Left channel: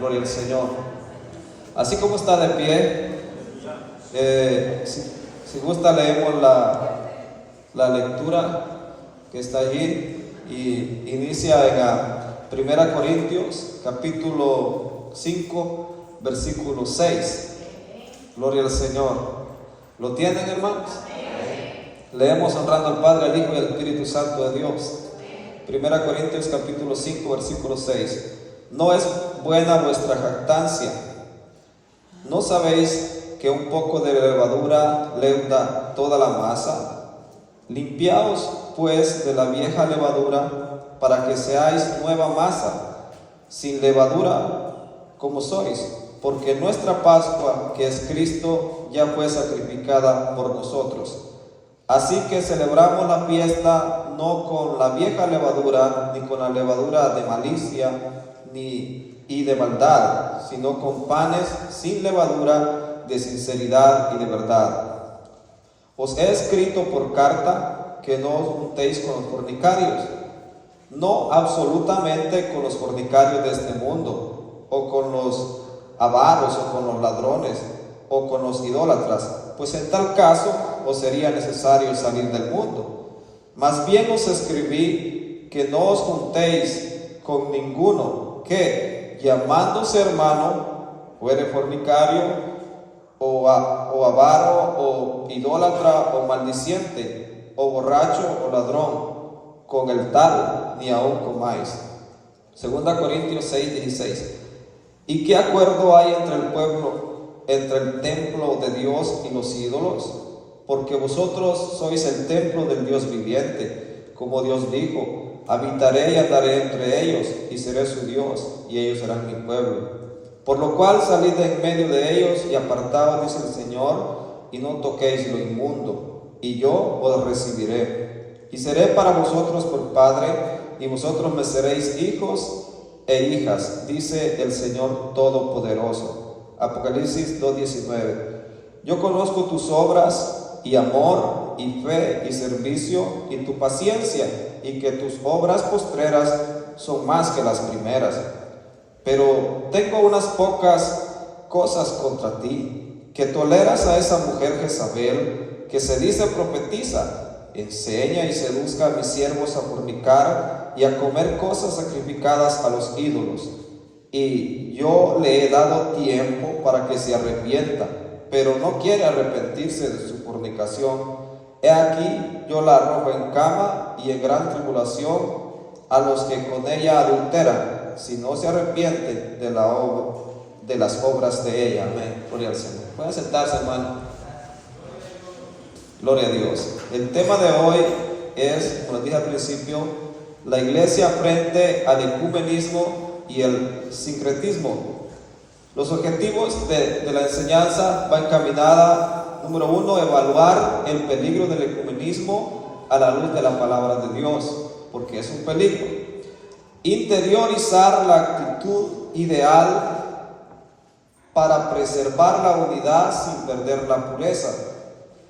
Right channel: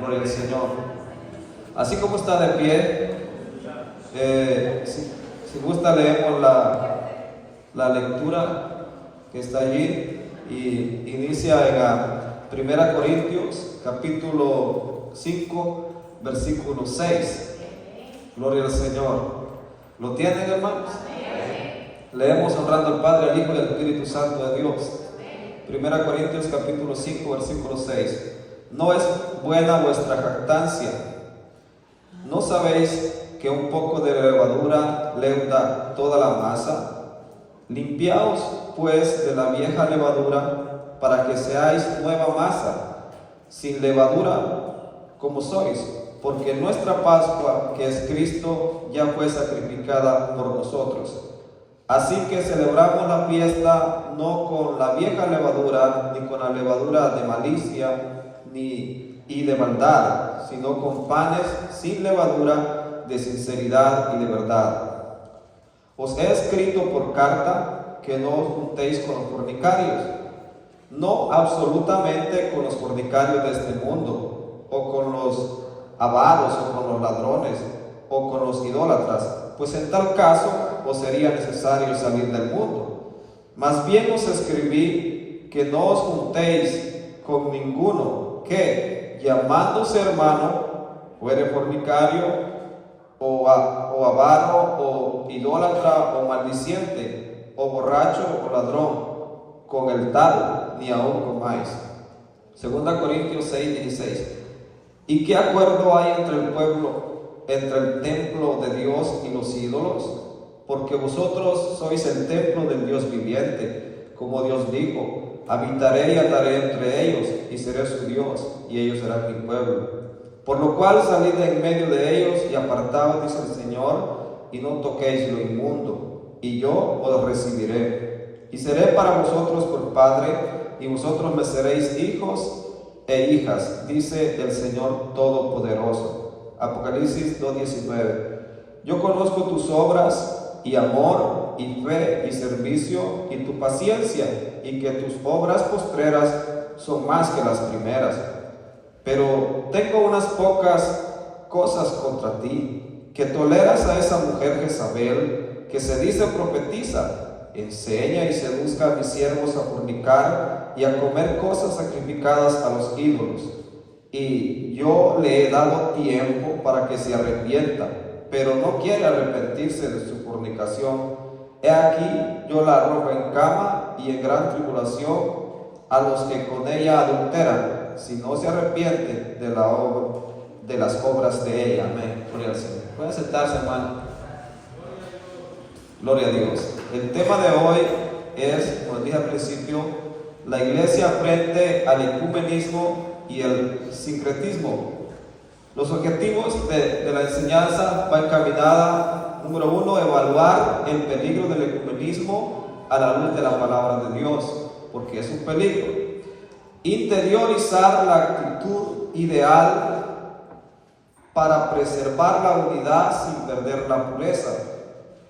Gloria al Señor. Así como está de pie, si gusta leemos la lectura que está allí y inicia en 1 Corintios capítulo 5 versículo 6. Gloria al Señor. ¿Lo tienen, hermanos? Leemos honrando al Padre, al Hijo y al Espíritu Santo de Dios. 1 Corintios capítulo 5 versículo 6. No es buena vuestra jactancia. ¿No sabéis que un poco de levadura leuda toda la masa? Limpiaos pues de la vieja levadura, para que seáis nueva masa, sin levadura como sois, porque nuestra Pascua, que es Cristo, ya fue sacrificada por nosotros. Así que celebramos la fiesta no con la vieja levadura, ni con la levadura de malicia y de maldad, sino con panes sin levadura, de sinceridad y de verdad. Os he escrito por carta que no os juntéis con los fornicarios, no absolutamente con los fornicarios de este mundo, o con los avaros, o con los ladrones, o con los idólatras, pues en tal caso os sería necesario salir del mundo. Más bien os escribí que no os juntéis con ninguno que, llamándose hermano, fuere fornicario, o avaro, o idólatra, o maldiciente, o borracho, o ladrón. Con el tal ni aun comáis. 2 Corintios 6:16. ¿Y qué acuerdo hay entre el pueblo, entre el templo de Dios y los ídolos? Porque vosotros sois el templo del Dios viviente, como Dios dijo: habitaré y andaré entre ellos, y seré su Dios, y ellos serán mi pueblo. Por lo cual salid de en medio de ellos y apartaos, dice el Señor, y no toquéis lo inmundo, y yo os recibiré. Y seré para vosotros por Padre, y vosotros me seréis hijos e hijas, dice el Señor Todopoderoso. Apocalipsis 2:19. Yo conozco tus obras, y amor, y fe, y servicio, y tu paciencia, y que tus obras postreras son más que las primeras. Pero tengo unas pocas cosas contra ti, que toleras a esa mujer Jezabel, que se dice profetiza, enseña y seduzca a mis siervos a fornicar y a comer cosas sacrificadas a los ídolos. Y yo le he dado tiempo para que se arrepienta, pero no quiere arrepentirse de su fornicación. He aquí, yo la arrojo en cama y en gran tribulación a los que con ella adulteran, si no se arrepiente de las obras de ella. Amén. Gloria al Señor. Pueden sentarse, hermano. Gloria a Dios. El tema de hoy es, como dije al principio, la iglesia frente al ecumenismo y el sincretismo. Los objetivos de la enseñanza van encaminada, número 1, evaluar el peligro del ecumenismo a la luz de la palabra de Dios, porque es un peligro. Interiorizar la actitud ideal para preservar la unidad sin perder la pureza.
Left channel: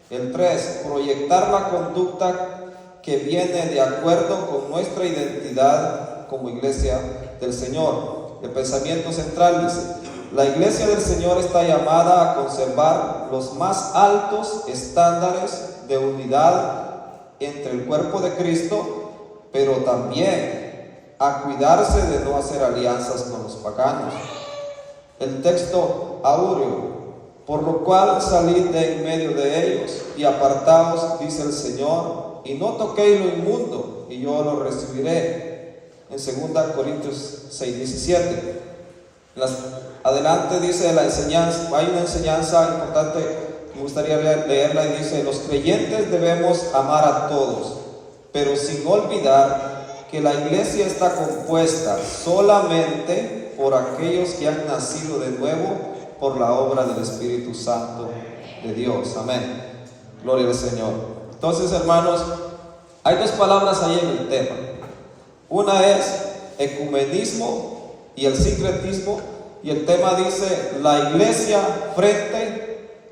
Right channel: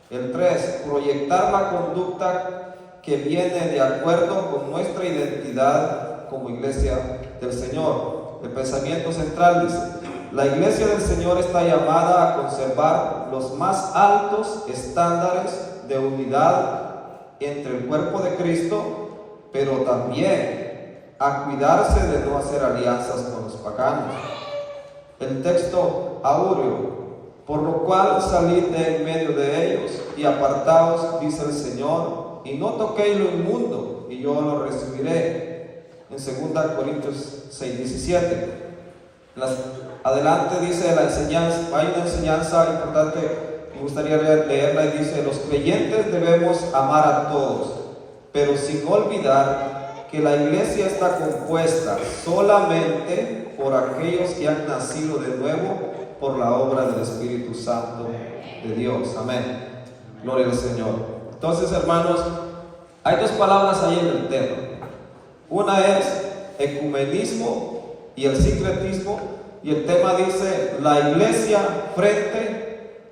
El 3, proyectar la conducta que viene de acuerdo con nuestra identidad como iglesia del Señor. El pensamiento central dice: la iglesia del Señor está llamada a conservar los más altos estándares de unidad entre el cuerpo de Cristo, pero también a cuidarse de no hacer alianzas con los paganos. El texto áureo: por lo cual salid de en medio de ellos y apartaos, dice el Señor, y no toquéis lo inmundo, y yo lo recibiré. En 2 Corintios 6:17. Adelante dice la enseñanza, hay una enseñanza importante, me gustaría leerla, y dice: los creyentes debemos amar a todos, pero sin olvidar que la iglesia está compuesta solamente por aquellos que han nacido de nuevo por la obra del Espíritu Santo de Dios. Amén. Gloria al Señor. Entonces, hermanos, hay dos palabras ahí en el tema. Una es ecumenismo y el sincretismo, y el tema dice la iglesia frente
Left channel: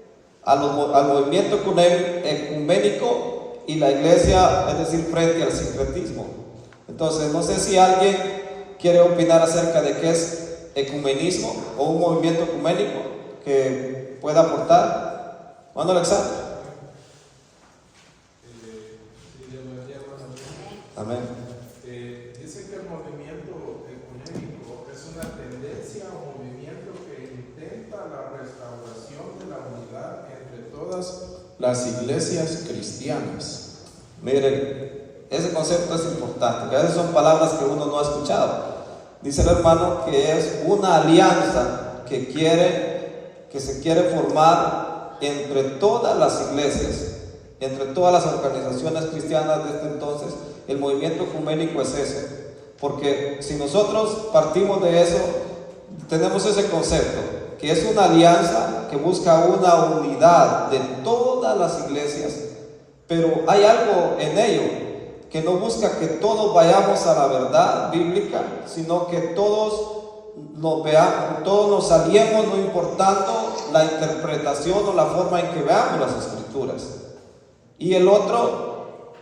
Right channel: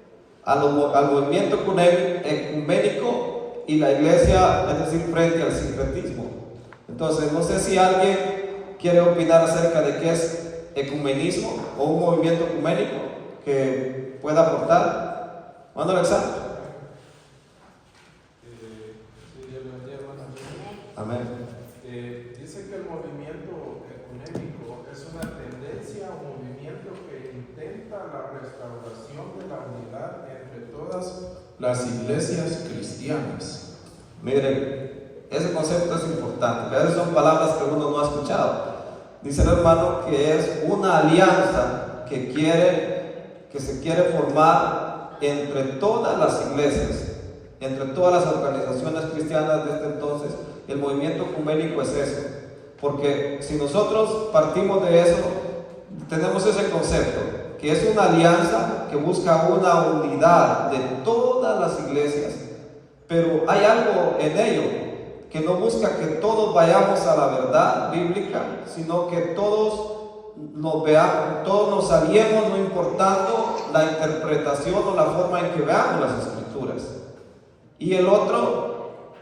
al movimiento ecuménico y la iglesia, es decir, frente al sincretismo. Entonces, no sé si alguien quiere opinar acerca de qué es ecumenismo o un movimiento ecuménico que pueda aportar? ¿Cuándo, Alexander? Amén. Dice que el movimiento ecuménico es una tendencia o movimiento que intenta la restauración de la unidad entre todas las iglesias cristianas. Miren, ese concepto es importante, esas son palabras que uno no ha escuchado. Dice el hermano que es una alianza que se quiere formar entre todas las iglesias, entre todas las organizaciones cristianas de este entonces. El movimiento ecuménico es eso, porque si nosotros partimos de eso, tenemos ese concepto, que es una alianza que busca una unidad de todas las iglesias, pero hay algo en ello, que no busca que todos vayamos a la verdad bíblica, sino que todos nos veamos, todos nos aliemos, no importando la interpretación o la forma en que veamos las escrituras. Y el otro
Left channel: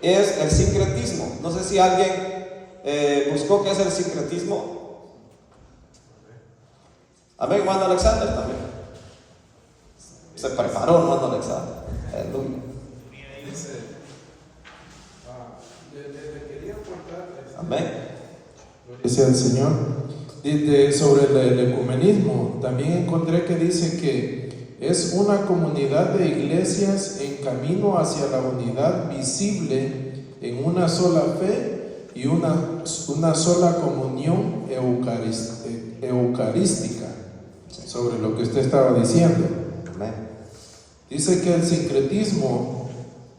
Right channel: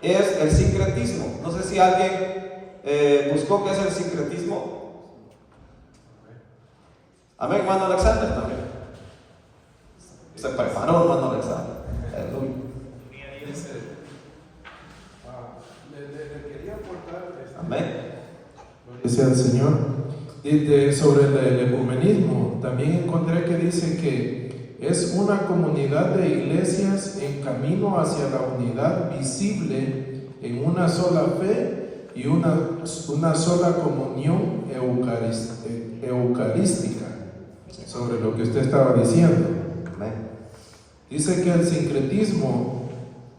es el sincretismo. No sé si alguien buscó qué es el sincretismo. Amén, hermano Alexander también. Se preparó, hermano Alexander. Le quería aportar Amén. Gracias al Señor. Sobre el ecumenismo, también encontré que dice que es una comunidad de iglesias en camino hacia la unidad visible en una sola fe y una sola comunión eucarística, sobre lo que usted estaba diciendo. Dice que el sincretismo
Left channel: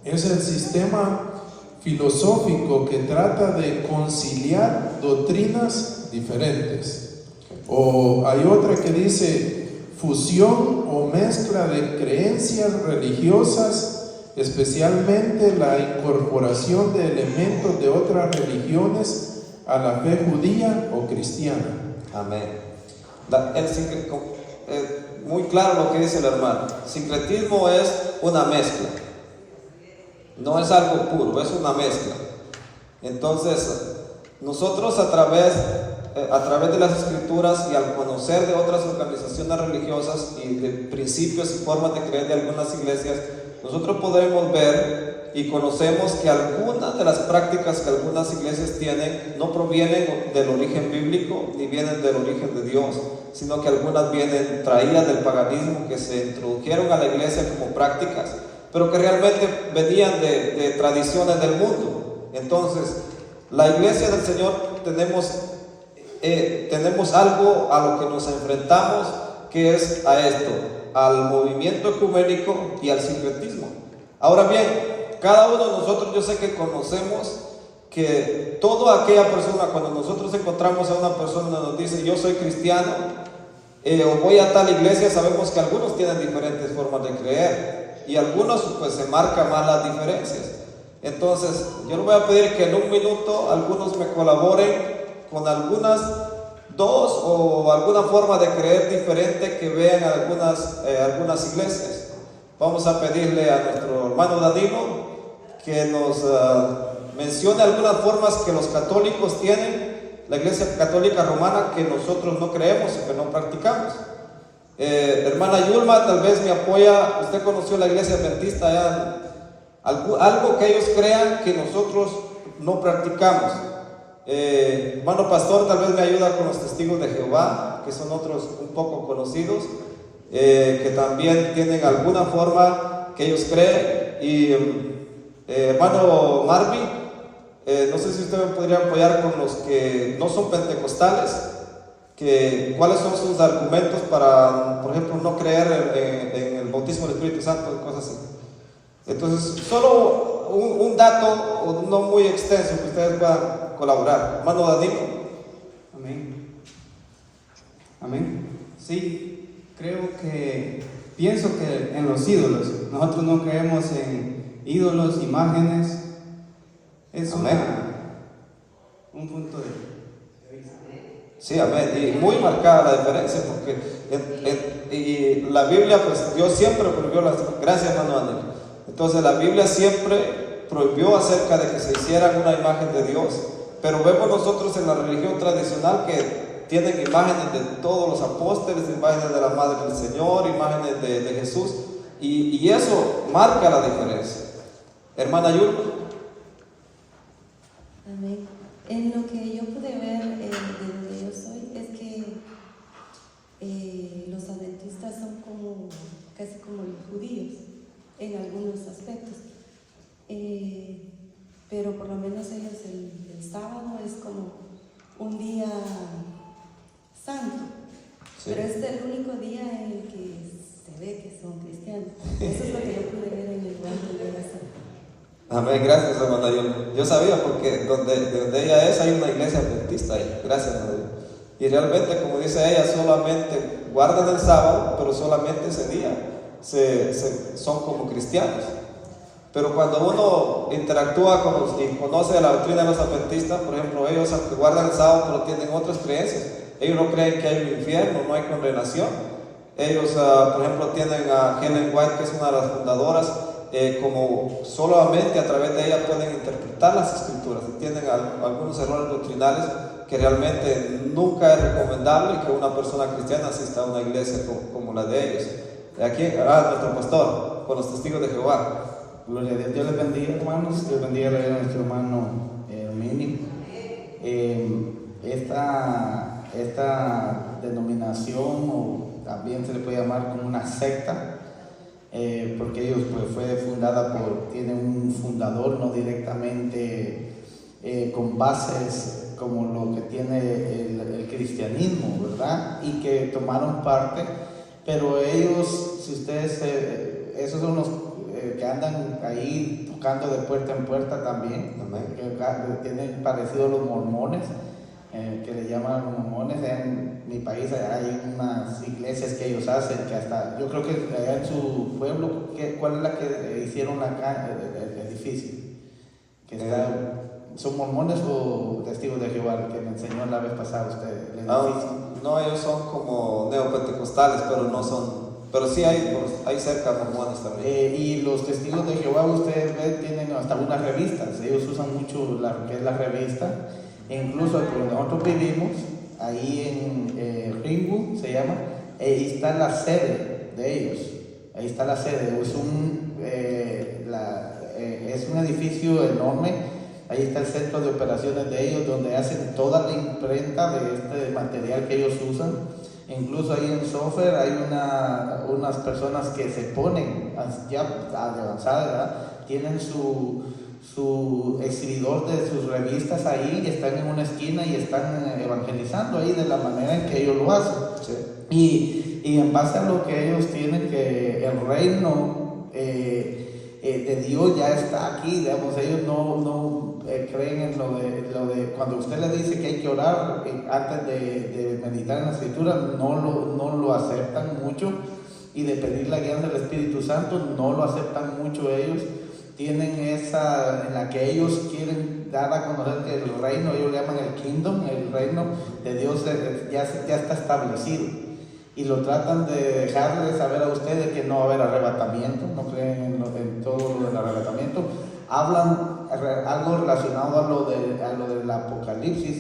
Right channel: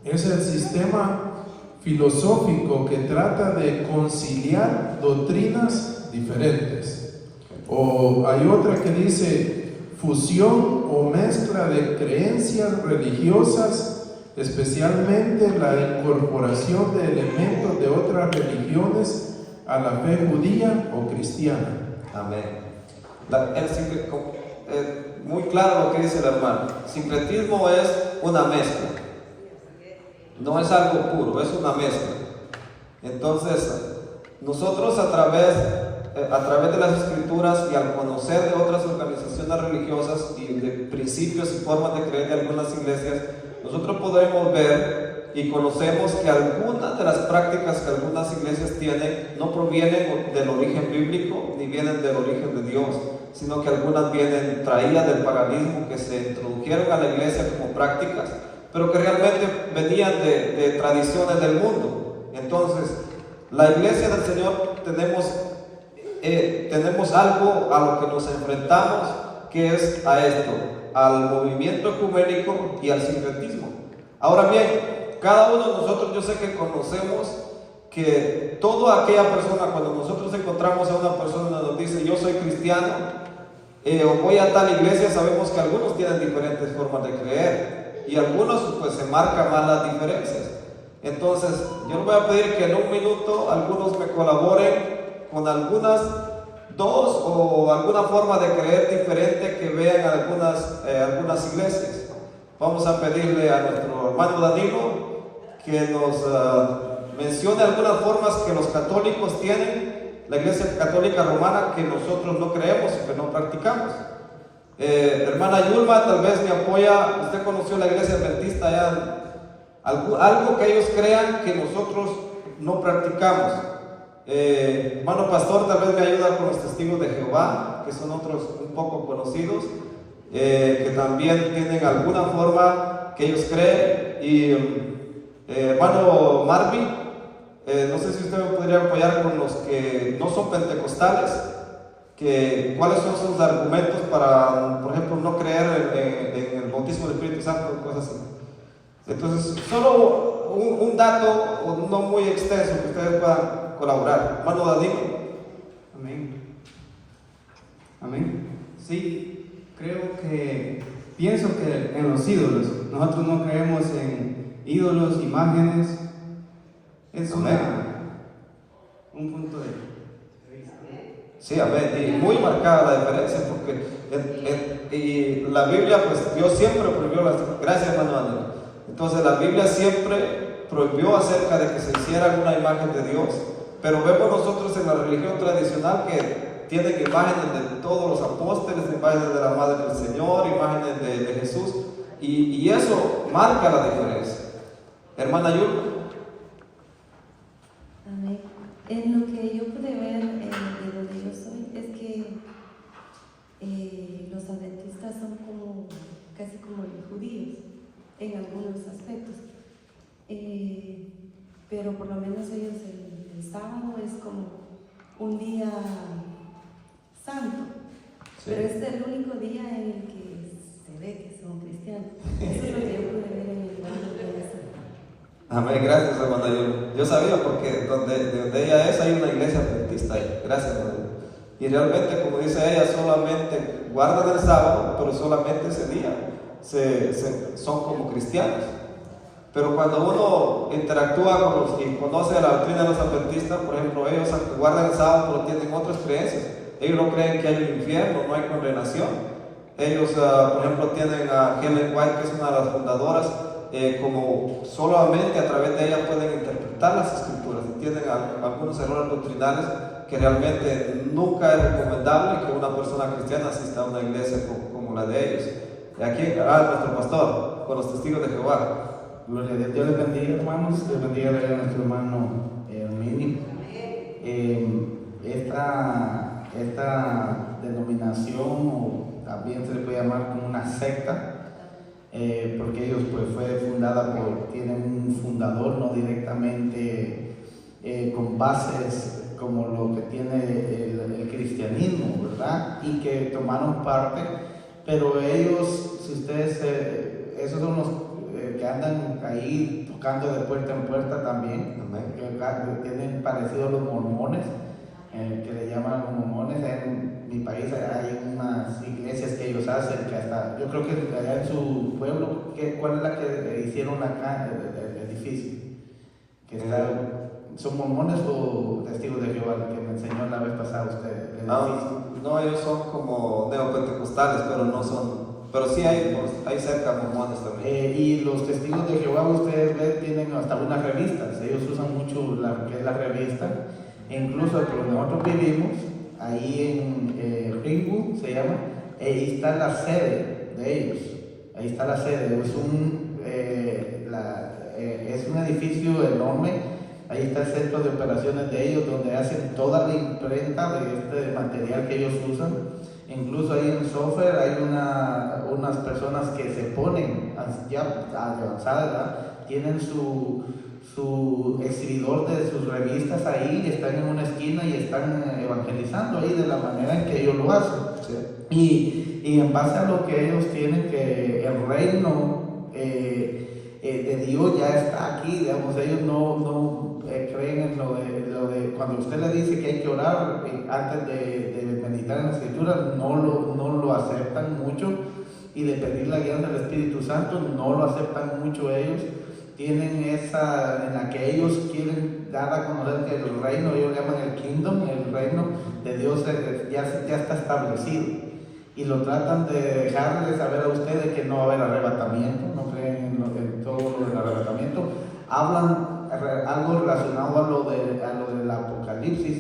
es el sistema filosófico que trata de conciliar doctrinas diferentes. O hay otra que dice fusión o mezcla de creencias religiosas, especialmente la incorporación de elementos de otras religiones a la fe judía o cristiana. Amén. Muy claro lo que dice el hermano. Sincretismo es una mezcla, no es algo puro, es una mezcla. Entonces, nosotros a través de las escrituras y al conocer de otras organizaciones religiosas y de principios y formas de creer de algunas iglesias, nosotros podemos ver y conocemos que algunas de las prácticas que algunas iglesias tienen no provienen del origen bíblico ni vienen del origen de Dios, sino que algunas vienen traídas del paganismo, que se introdujeron a la iglesia como prácticas, pero que realmente venían de tradiciones del mundo. Entonces, la iglesia del Señor tenemos algo a lo que nos enfrentamos, que es a esto, al movimiento ecuménico y al sincretismo. Ahora bien, cada uno de nosotros, yo sé que conocemos que toda aquella persona, cuando nosotros encontramos a una persona que nos dice yo soy cristiano o voy a tal iglesia, sabemos que algunos tienen diferentes formas de creer y algunos pues se marcan más las diferencias. Entonces yo les voy a pedir que en un minuto algunos me colaboren con algunas dos o alguna forma de creer diferente que vean algunas iglesias. Vamos a pedirle a nuestro hermano Danilo que nos mencione algunas formas que los católicos tienen, la iglesia católica romana, que nosotros no creemos y que no practicamos. Hermana Yulma, tal vez me apoya. Usted conoció la iglesia adventista, algo que ellos crean que nosotros no practicamos. Hermano pastor, tal vez me ayuda con los testigos de Jehová, que son otros un poco conocidos, que también tienen alguna forma que ellos creen. Y hermano Marvin, no sé si usted me podría apoyar con los que no son pentecostales, cuáles son sus argumentos para, por ejemplo, no creer en el bautismo del Espíritu Santo, cosas así. Entonces, solo un dato no muy extenso que ustedes puedan colaborar. Hermano Danilo. Amén. Amén. Sí, pienso que en los ídolos, nosotros no creemos en ídolos, imágenes. Es un punto de vista. Sí, amén. Y muy marcada la diferencia, porque y la Biblia, pues Dios siempre prohibió gracias, hermano Daniel. Entonces la Biblia siempre prohibió acerca de que se hiciera una imagen de Dios, pero vemos nosotros en la religión tradicional que tienen imágenes de todos los apóstoles, imágenes de la Madre del Señor, imágenes de Jesús, y eso marca la diferencia. Hermana Yul. Amén. En lo que yo pude ver de donde yo soy es que los adventistas son como casi como los judíos en algunos aspectos, pero por lo menos ellos el sábado es como un día santo, Sí. pero es el único día en el que se ve que son cristianos. Eso es lo que yo pude ver en el lugar donde ella está. Amén, gracias hermana Yul. Yo sabía porque donde ella es hay una iglesia adventista ahí. Gracias hermana Yul. Y realmente, como dice ella, solamente guardan el sábado, pero solamente ese día son como cristianos. Pero cuando uno interactúa con y conoce la doctrina de los adventistas, por ejemplo, ellos aunque guardan el sábado, pero tienen otras creencias. Ellos no creen que hay un infierno, no hay condenación. Ellos, por ejemplo, tienen a Ellen White, que es una de las fundadoras, como solamente a través de ella pueden interpretar las escrituras. Y tienen algunos errores doctrinales que realmente nunca es recomendable que una persona cristiana asista a una iglesia como la de ellos. Aquí, nuestro pastor, con los testigos de Jehová. Gloria a Dios. Dios les bendiga, hermanos. Dios bendiga a nuestro hermano Mini. Esta denominación, o también se le puede llamar como una secta, porque ellos pues, fue fundada tienen un fundador, no directamente con bases como lo que tiene el cristianismo, ¿verdad? Y que tomaron parte, pero ellos, si ustedes, esos son los que andan ahí tocando de puerta en puerta también, que tienen parecido a los mormones, que le llaman mormones. En mi país hay unas iglesias que ellos hacen, que hasta, yo creo que allá en su pueblo, ¿cuál es la que hicieron acá, el edificio? Que está, ¿son mormones o testigos de Jehová, que me enseñó la vez pasada usted? No, ellos son como neopentecostales, pero no son. Pero sí hay cerca mormones también. Y los testigos de Jehová, ustedes ven, tienen hasta unas revistas. Ellos usan mucho lo que es la revista. E incluso donde nosotros vivimos, ahí en Ringwood se llama, ahí está la sede de ellos. Ahí está la sede. Es un edificio enorme. Ahí está el centro de operaciones de ellos, donde hacen toda la imprenta de este material que ellos usan. Incluso ahí en software hay unas personas que se ponen ya avanzadas, ¿verdad? Tienen su exhibidor de sus revistas ahí, están en una esquina y están evangelizando ahí de la manera en que ellos lo hacen. Sí. Y en base a lo que ellos tienen, que el reino de Dios ya está aquí, digamos, ellos no creen en lo de cuando usted le dice que hay que orar antes de meditar en la escritura, no lo aceptan mucho, y de pedir la guía del Espíritu Santo no lo aceptan mucho ellos. Tienen esa en la que ellos quieren dar a conocer que el reino, ellos llaman el kingdom, el reino de Dios ya está establecido, y lo tratan de dejarle saber a ustedes que no va a haber arrebatamiento, no creen en todo el arrebatamiento. Hablan algo relacionado a lo del Apocalipsis,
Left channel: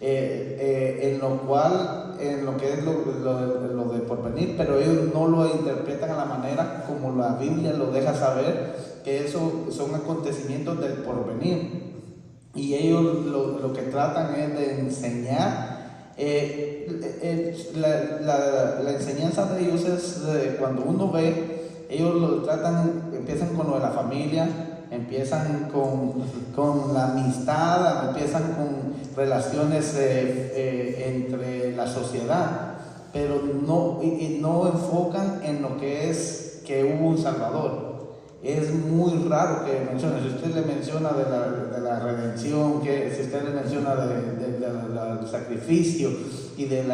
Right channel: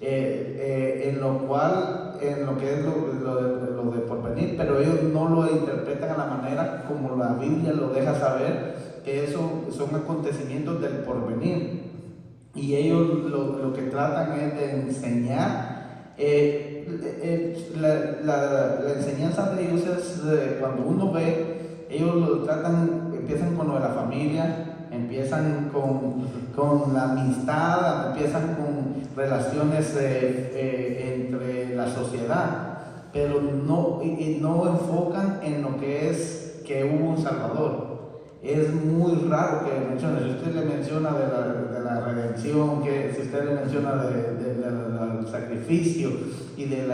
en lo que es lo de porvenir, pero ellos no lo interpretan a la manera como la Biblia lo deja saber, que eso son acontecimientos del porvenir, y ellos lo que tratan es de enseñar. La enseñanza de ellos es cuando uno ve, ellos empiezan con lo de la familia, empiezan con la amistad, empiezan con relaciones entre la sociedad, pero no enfocan en lo que es que hubo un Salvador. Es muy raro que mencione, si usted le menciona de la redención, que si usted le menciona del sacrificio y del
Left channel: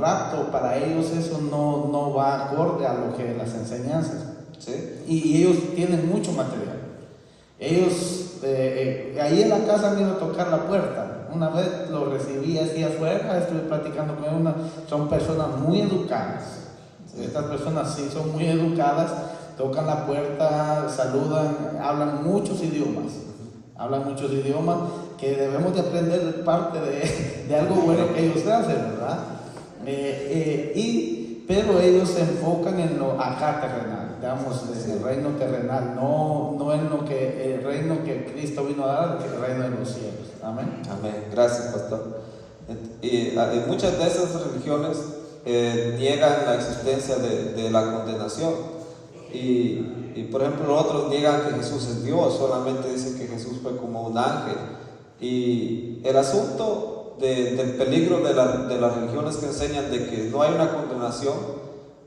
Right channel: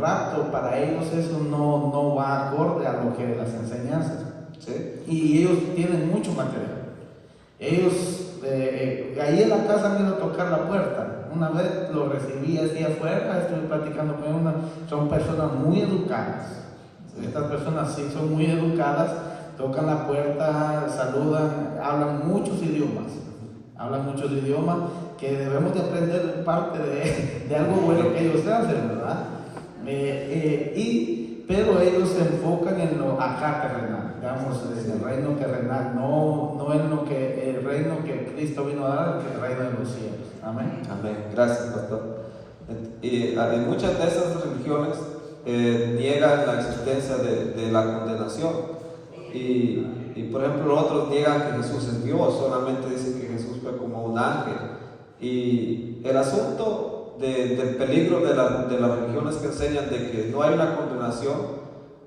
rapto, para ellos eso no va acorde a lo que las enseñanzas. ¿Sí? Y ellos tienen mucho material. Ellos, ahí en la casa vino a tocar la puerta. Una vez lo recibí así afuera, estuve platicando con él. Son personas muy educadas. Estas personas sí son muy educadas, tocan la puerta, saludan, hablan muchos idiomas que debemos de aprender parte de algo bueno que ellos hacen, ¿verdad? Pero ellos se enfocan en lo acá terrenal, digamos, en el reino terrenal, no en lo que el reino que Cristo vino a dar, que el reino de los cielos. Amén. Amén. Gracias, pastor. En muchas de esas religiones niegan la existencia de la condenación. Y por ejemplo, otros niegan que Jesús es Dios, solamente dicen que Jesús fue como un ángel. Y el asunto del peligro de las religiones que enseñan de que no hay una condenación,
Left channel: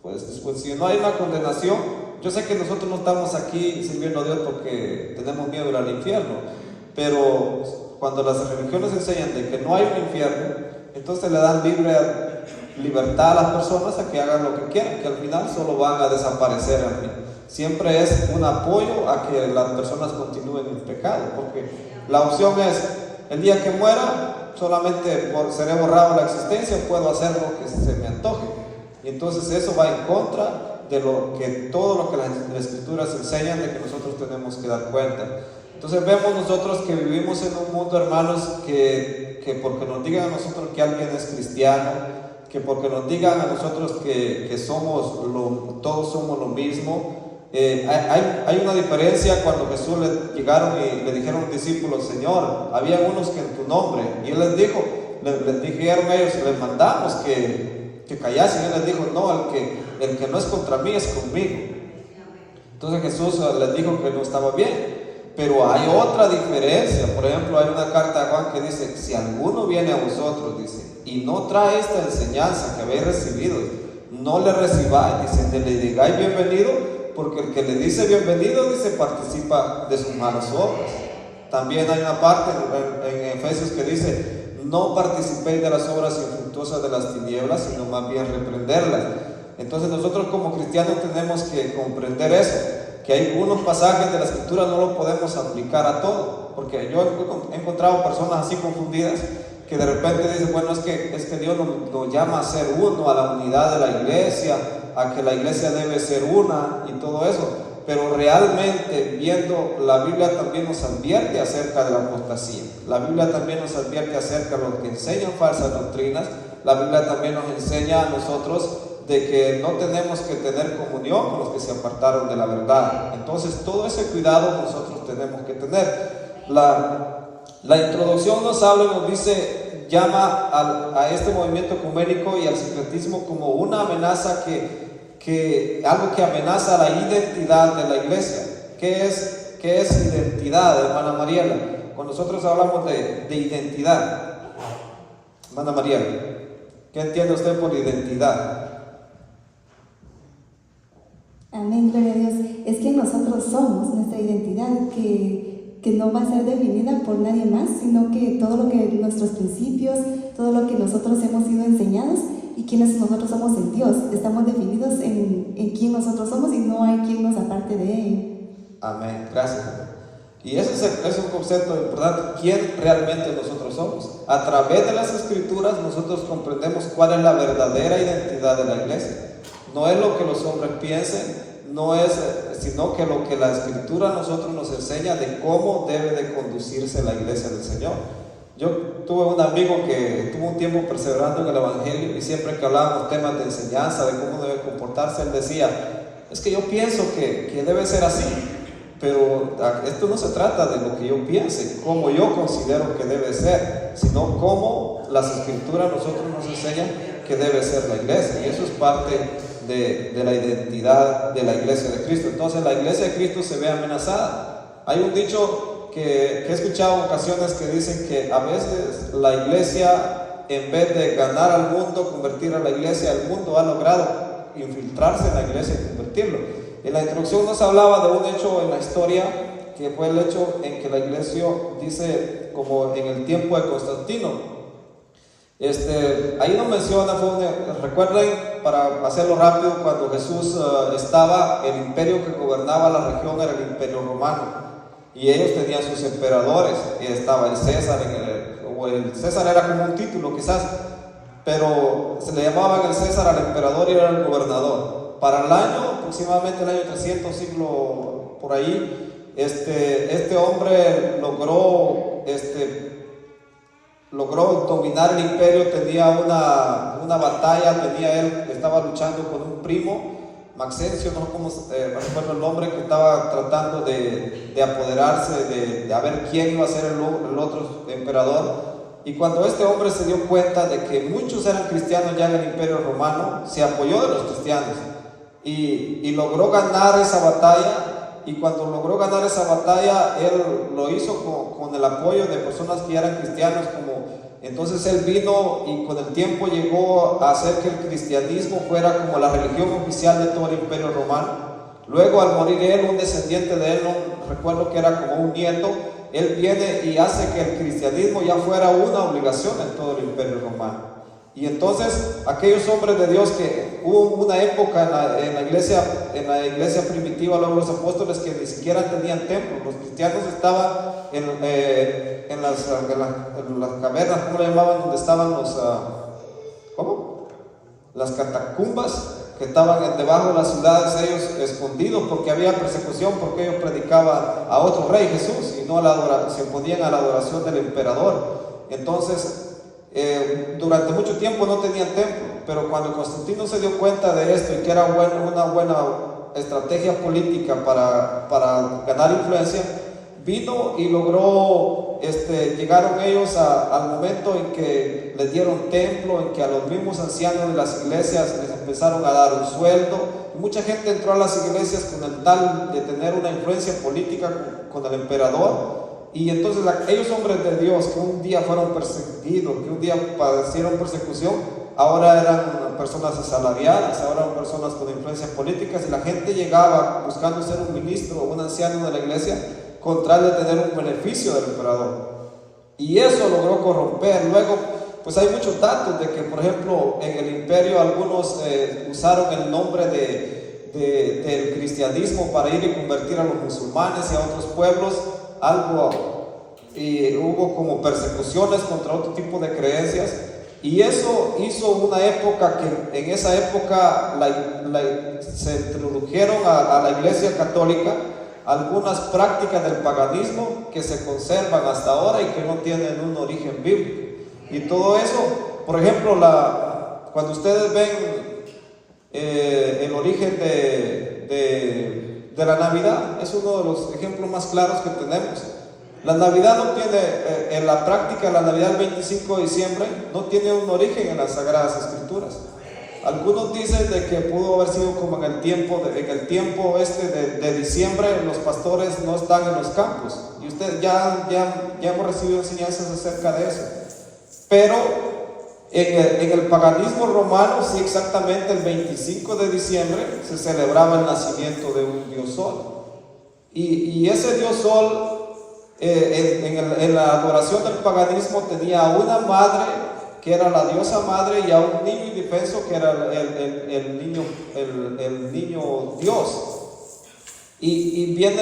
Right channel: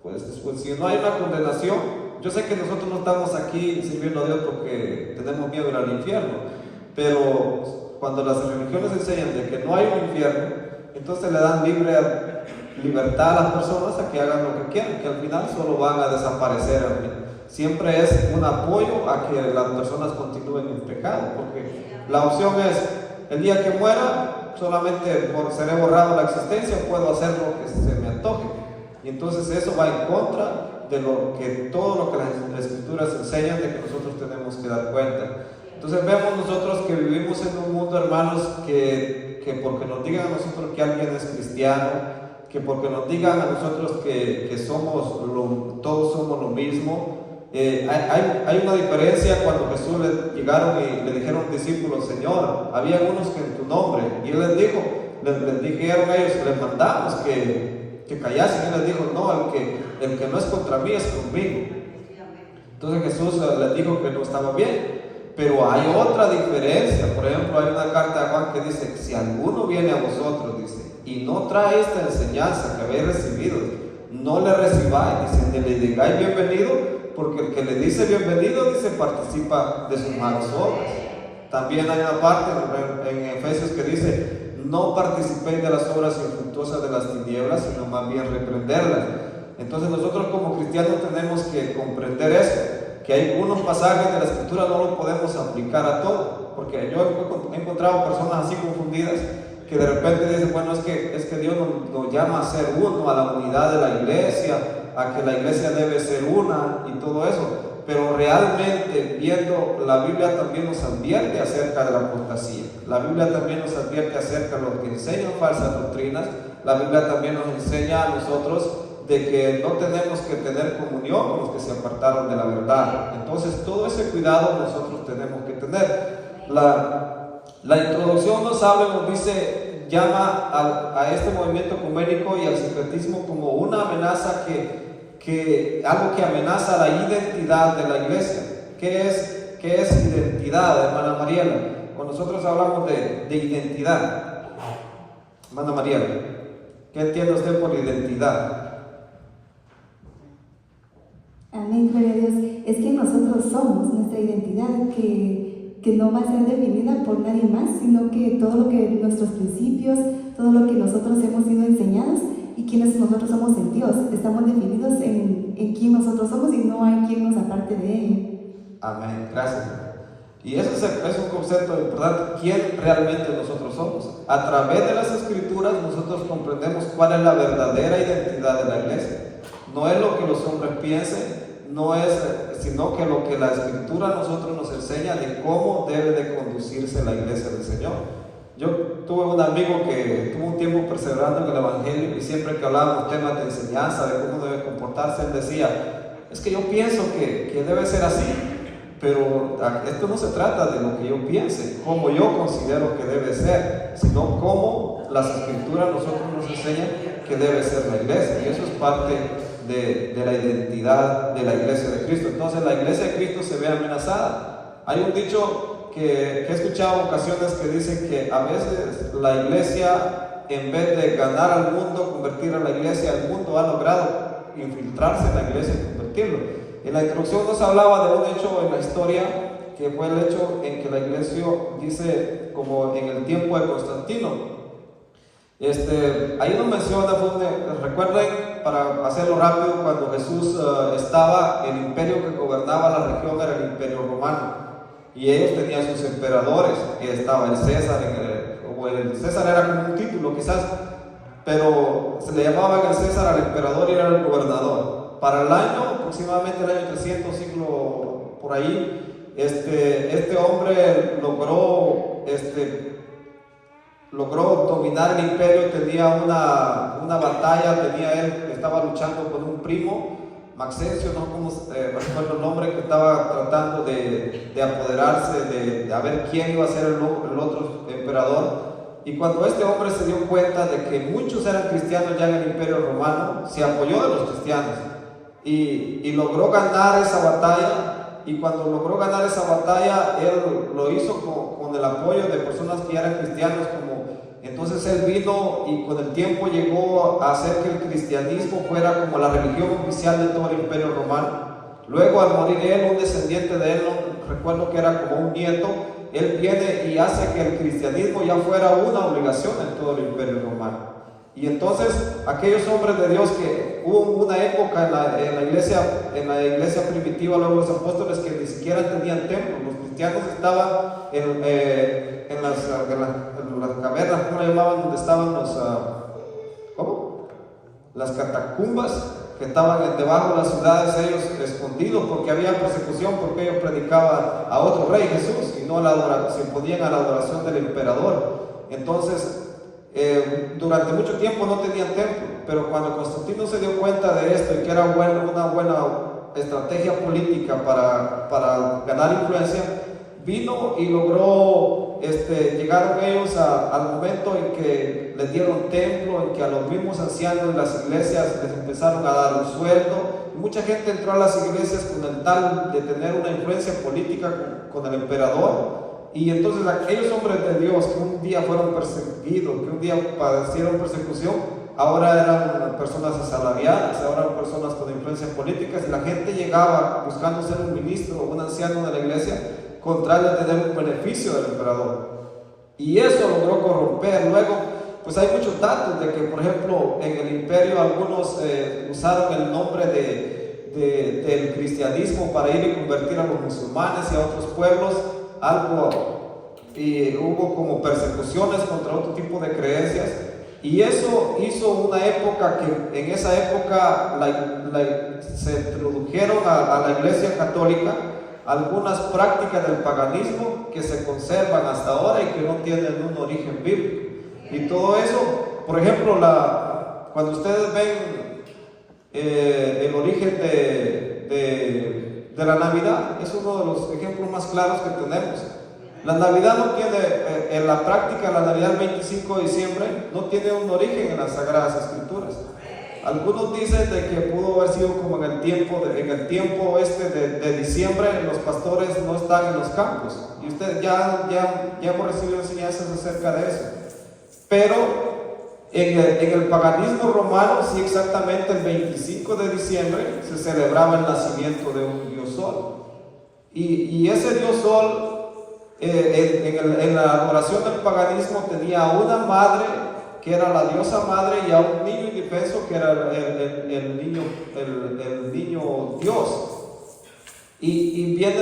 pues si no hay una condenación, yo sé que nosotros no estamos aquí sirviendo a Dios porque tenemos miedo de ir al infierno, pero cuando las religiones enseñan de que no hay un infierno, entonces le dan libertad a las personas a que hagan lo que quieran, que al final solo van a desaparecer. Siempre es un apoyo a que las personas continúen en pecado, porque la opción es, el día que muera, solamente seré borrado la existencia, puedo hacer lo que se me antoje. Y entonces eso va en contra de todo lo que las escrituras enseñan, de que nosotros tenemos que dar cuenta. Entonces vemos nosotros que vivimos en un mundo, hermanos, que porque nos digan a nosotros que alguien es cristiano, que porque nos digan a nosotros que todos somos lo mismo, hay una diferencia. Cuando Jesús llegaron y le dijeron a los discípulos, Señor, había unos que en tu nombre, y Él les dijeron a ellos, les mandamos que callasen. Él les dijo, no, el que no es contra mí es conmigo. Entonces Jesús les dijo que no estaba bien. Pero hay otra diferencia. Por ejemplo, hay una carta de Juan que dice, si alguno viene a vosotros, dice, y no trae esta enseñanza que habéis recibido, no le recibáis, dice, ni le digáis bienvenido, porque el que le dice bienvenido, dice, participa de sus malas obras. También hay una parte en Efesios que dice, no participéis de las obras infructuosas de las tinieblas, sino más bien reprenderlas. Entonces nosotros como cristianos tenemos que comprender eso, que hay algunos pasajes de la escritura no lo podemos aplicar a todo, porque yo he encontrado personas así confundidas que de repente dicen, bueno, es que Dios nos llama a ser uno, a la unidad de la iglesia, a que la iglesia debe ser una y todo eso, pero realmente viendo, la Biblia también nos advierte acerca de la apostasía, la Biblia también nos advierte acerca de los que enseñan falsas doctrinas, la Biblia también nos enseña a nosotros de que no tenemos que tener comunión con los que se apartaron de la verdad. Entonces todo ese cuidado nosotros tenemos que tener. La introducción nos habla, nos dice, llama a este movimiento ecuménico y al sincretismo como una amenaza algo que amenaza la identidad de la iglesia. ¿Qué es identidad, hermana Mariela? Cuando nosotros hablamos de identidad, hermana Mariela, ¿qué entiende usted por identidad? Amén, gloria a Dios. Es que nosotros somos nuestra identidad, que no va a ser definida por nadie más, sino que todo lo que nuestros principios, todo lo que nosotros hemos sido enseñados y quienes nosotros somos en Dios, estamos definidos en quién nosotros somos y no hay quien nos aparte de ello. Amén, gracias. Y eso es un concepto importante, quién realmente nosotros somos. A través de las escrituras nosotros comprendemos cuál es la verdadera identidad de la iglesia. No es lo que los hombres piensen, sino que lo que la escritura a nosotros nos enseña de cómo debe de conducirse la iglesia del Señor. Yo tuve un amigo que tuvo un tiempo perseverando en el evangelio y siempre que hablábamos temas de enseñanza, de cómo debe comportarse, él decía, es que yo pienso que debe ser así, pero esto no se trata de lo que yo piense, cómo yo considero que debe ser, sino cómo las escrituras nosotros nos enseñan que debe ser la iglesia, y eso es parte de la identidad de la iglesia de Cristo. Entonces la iglesia de Cristo se ve amenazada. Hay un dicho que he escuchado en ocasiones que dicen que a veces la iglesia, en vez de ganar al mundo, convertir a la iglesia, el mundo ha logrado infiltrarse en la iglesia y convertirlo. En la introducción nos hablaba de un hecho en la historia, que fue el hecho en que la iglesia, dice, como en el tiempo de Constantino. Ahí nos menciona, recuerden, para hacerlo rápido, cuando Jesús el imperio que gobernaba la región era el imperio romano, y ellos tenían sus emperadores, y estaba el César, el César era como un título quizás, pero se le llamaban el César al emperador y era el gobernador. Para el año, aproximadamente el año 300, siglo por ahí, este hombre logró logró dominar el imperio, tenía una batalla, él estaba luchando con un primo, Maxencio, no recuerdo el nombre, que estaba tratando de apoderarse de a ver quién iba a ser el otro emperador. Y cuando este hombre se dio cuenta de que muchos eran cristianos ya en el imperio romano, se apoyó de los cristianos y logró ganar esa batalla. Y cuando logró ganar esa batalla, él lo hizo con el apoyo de personas que ya eran cristianos. Entonces él vino y con el tiempo llegó a hacer que el cristianismo fuera como la religión oficial de todo el imperio romano. Luego, al morir él, un descendiente de él, no recuerdo que era como un nieto, él viene y hace que el cristianismo ya fuera una obligación en todo el imperio romano. Y entonces aquellos hombres de Dios, que hubo una época en la iglesia primitiva, luego los apóstoles, que ni siquiera tenían templo. Los cristianos estaban en las cavernas, ¿cómo le llamaban? Donde estaban las catacumbas, que estaban debajo de las ciudades, ellos escondidos, porque había persecución, porque ellos predicaban a otro rey, Jesús, y no se oponían a la adoración del emperador. Entonces, durante mucho tiempo no tenían templo, pero cuando Constantino se dio cuenta de esto y que era una buena estrategia política para ganar influencia, vino y logró, llegaron ellos al momento en que les dieron templo, en que a los mismos ancianos de las iglesias les empezaron a dar un sueldo. Mucha gente entró a las iglesias con el tal de tener una influencia política con el emperador. Y entonces aquellos hombres de Dios que un día fueron perseguidos, que un día padecieron persecución, ahora eran personas asalariadas, ahora eran personas con influencias políticas, y la gente llegaba buscando ser un ministro o un anciano de la iglesia con tal de tener un beneficio del emperador. Y eso logró corromper. Luego, pues hay muchos datos de que, por ejemplo, en el imperio algunos usaron el nombre del cristianismo para ir y convertir a los musulmanes y a otros pueblos. Y hubo como persecuciones contra otro tipo de creencias, y eso hizo una época que en esa época se introdujeron a la iglesia católica algunas prácticas del paganismo que se conservan hasta ahora y que no tienen un origen bíblico. Y todo eso, por ejemplo, cuando ustedes ven el origen de la Navidad, es uno de los ejemplos más claros que tenemos. La Navidad no tiene, en la práctica, la Navidad del 25 de diciembre no tiene un origen en las Sagradas Escrituras. Algunos dicen de que pudo haber sido como en el tiempo de diciembre, los pastores no están en los campos, y ustedes ya hemos recibido enseñanzas acerca de eso. Pero en el paganismo romano, sí, exactamente el 25 de diciembre se celebraba el nacimiento de un dios sol. Y ese dios sol, en la adoración del paganismo, tenía a una madre que era la diosa madre y a un niño indefenso que era el niño Dios. Y vino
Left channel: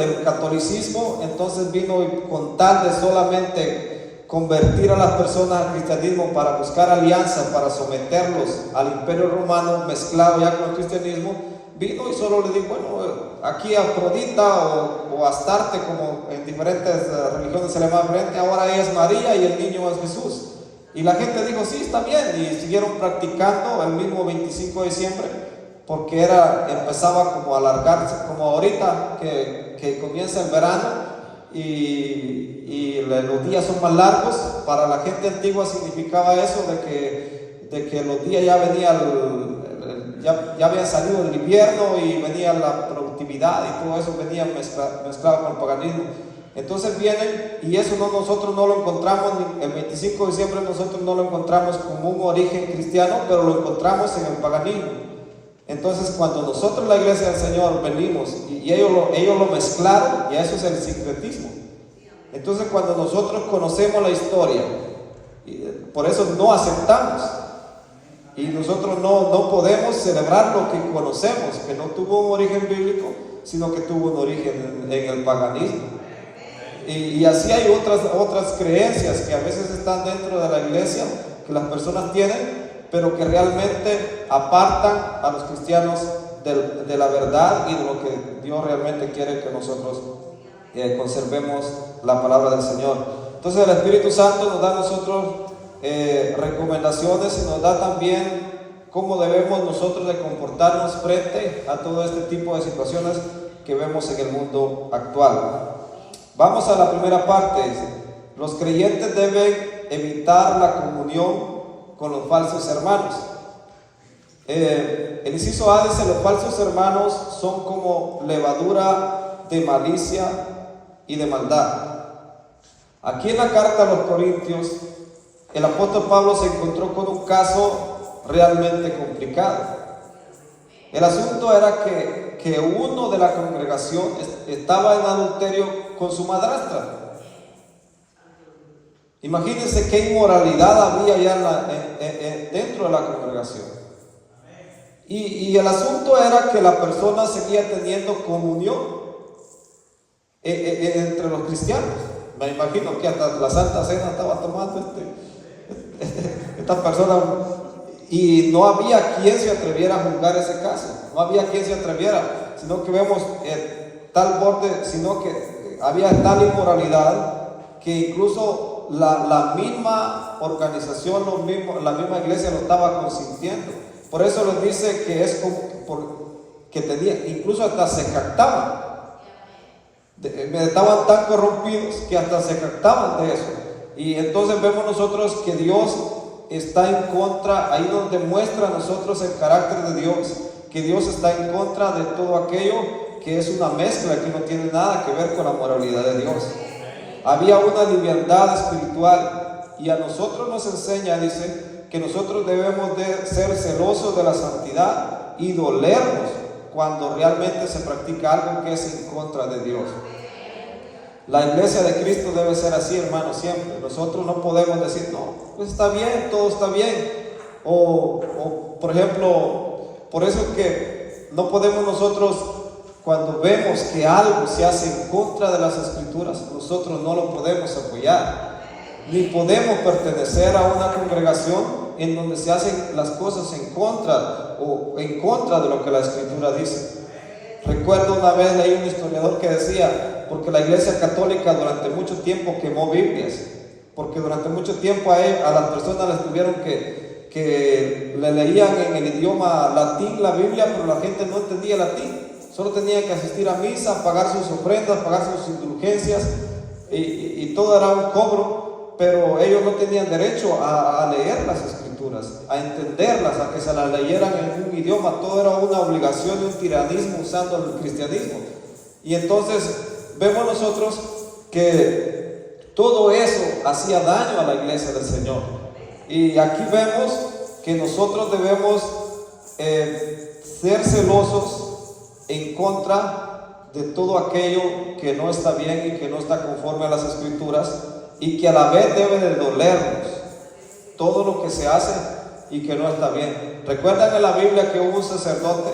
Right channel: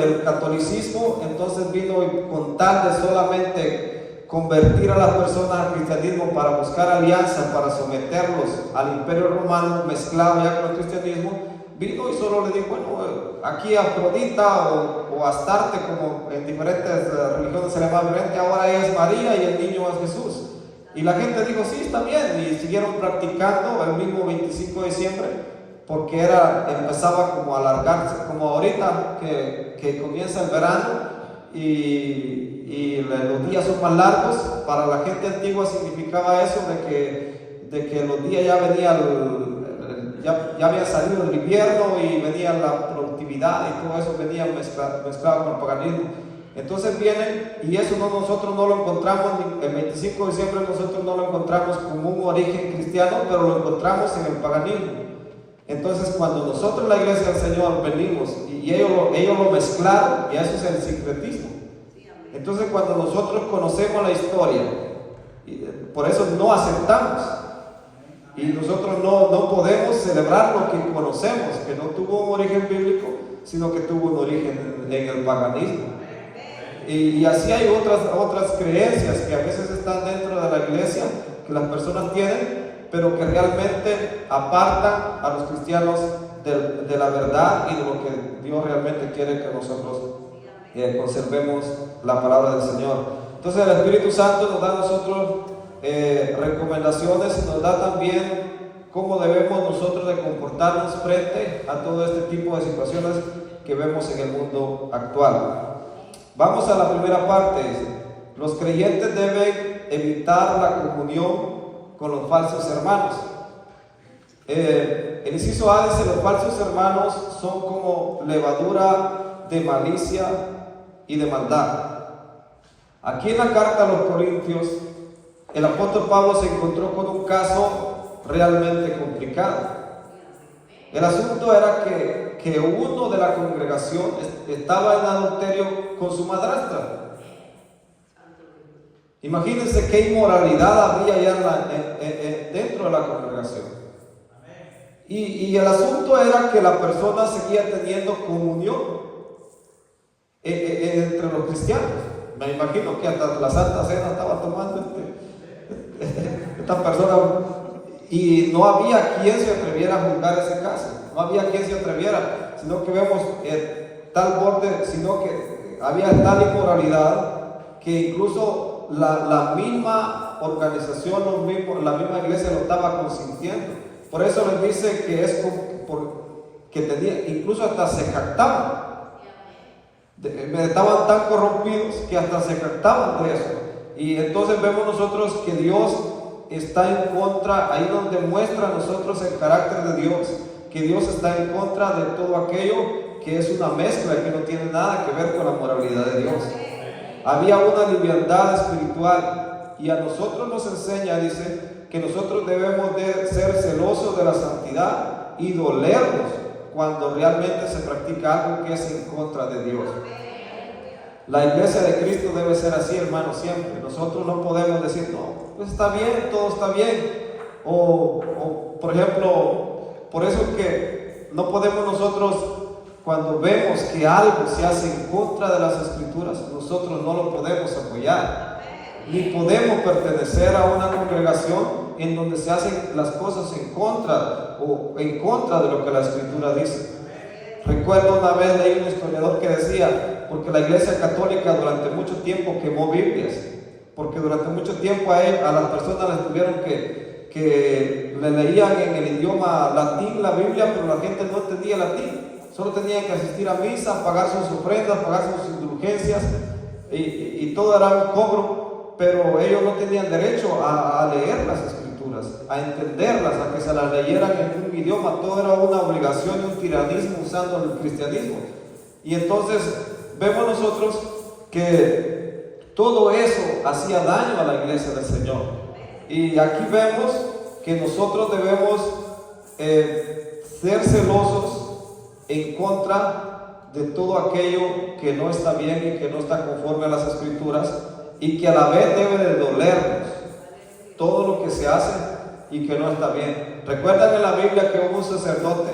el catolicismo, entonces vino con tal de solamente convertir a las personas al cristianismo para buscar alianzas, para someterlos al imperio romano mezclado ya con el cristianismo. Vino y solo le dijo, bueno, aquí Afrodita o Astarte, como en diferentes religiones se le llama diferente, ahora es María y el niño es Jesús. Y la gente dijo, sí, está bien, y siguieron practicando el mismo 25 de diciembre, porque empezaba como a alargarse, como ahorita que comienza el verano y los días son más largos. Para la gente antigua significaba eso de que los días ya había salido el invierno y venía la productividad y todo eso venía mezclado con el paganismo. Entonces vienen, y eso nosotros no lo encontramos, el 25 de diciembre nosotros no lo encontramos como un origen cristiano, pero lo encontramos en el paganismo. Entonces cuando nosotros, la iglesia del Señor, venimos y ellos lo mezclaron, y eso es el sincretismo. Entonces cuando nosotros conocemos la historia, por eso no aceptamos. Y nosotros no podemos celebrar lo que conocemos, que no tuvo un origen bíblico, sino que tuvo un origen en el paganismo. Y así hay otras creencias que a veces están dentro de la iglesia, que las personas tienen, pero que realmente apartan a los cristianos de la verdad y de lo que Dios realmente quiere que nosotros conservemos la palabra del Señor. Entonces el Espíritu Santo nos da a nosotros recomendaciones y nos da también cómo debemos nosotros de comportarnos frente a todo este tipo de situaciones que vemos en el mundo actual. Vamos a la primera parte. Los creyentes deben evitar la comunión con los falsos hermanos. El inciso A dice: los falsos hermanos son como levadura de malicia y de maldad. Aquí en la carta a los Corintios, el apóstol Pablo se encontró con un caso realmente complicado. El asunto era que uno de la congregación estaba en adulterio con su madrastra. Imagínense qué inmoralidad había ya dentro de la congregación. Y el asunto era que la persona seguía teniendo comunión entre los cristianos. Me imagino que hasta la Santa Cena estaba tomando esta persona, y no había quien se atreviera a juzgar ese caso. No había quien se atreviera, sino que vemos tal borde, sino que había tal inmoralidad que incluso la misma organización, la misma iglesia lo estaba consintiendo. Por eso les dice que es que tenía, incluso hasta se jactaban. Estaban tan corrompidos que hasta se jactaban de eso. Y entonces vemos nosotros que Dios está en contra, ahí donde muestra a nosotros el carácter de Dios, que Dios está en contra de todo aquello que es una mezcla, que no tiene nada que ver con la moralidad de Dios. Había una libertad espiritual, y a nosotros nos enseña, dice, que nosotros debemos de ser celosos de la santidad y dolernos cuando realmente se practica algo que es en contra de Dios. La iglesia de Cristo debe ser así, hermanos, siempre. Nosotros no podemos decir, no, pues está bien, todo está bien. O por ejemplo, por eso es que no podemos nosotros, cuando vemos que algo se hace en contra de las Escrituras, nosotros no lo podemos apoyar. Ni podemos pertenecer a una congregación en donde se hacen las cosas en contra de lo que la Escritura dice. Recuerdo una vez leí un historiador que decía, porque la Iglesia Católica durante mucho tiempo quemó Biblias, porque durante mucho tiempo a las personas les tuvieron que le leían en el idioma latín la Biblia, pero la gente no entendía latín. Solo tenían que asistir a misa, pagar sus ofrendas, pagar sus indulgencias, y todo era un cobro, pero ellos no tenían derecho a leer las Escrituras, a entenderlas, a que se las leyeran en un idioma. Todo era una obligación, un tiranismo usando el cristianismo. Y entonces vemos nosotros que todo eso hacía daño a la iglesia del Señor. Y aquí vemos que nosotros debemos ser celosos en contra de todo aquello que no está bien y que no está conforme a las Escrituras, y que a la vez debe de dolernos todo lo que se hace y que no está bien. Recuerdan en la Biblia que hubo un sacerdote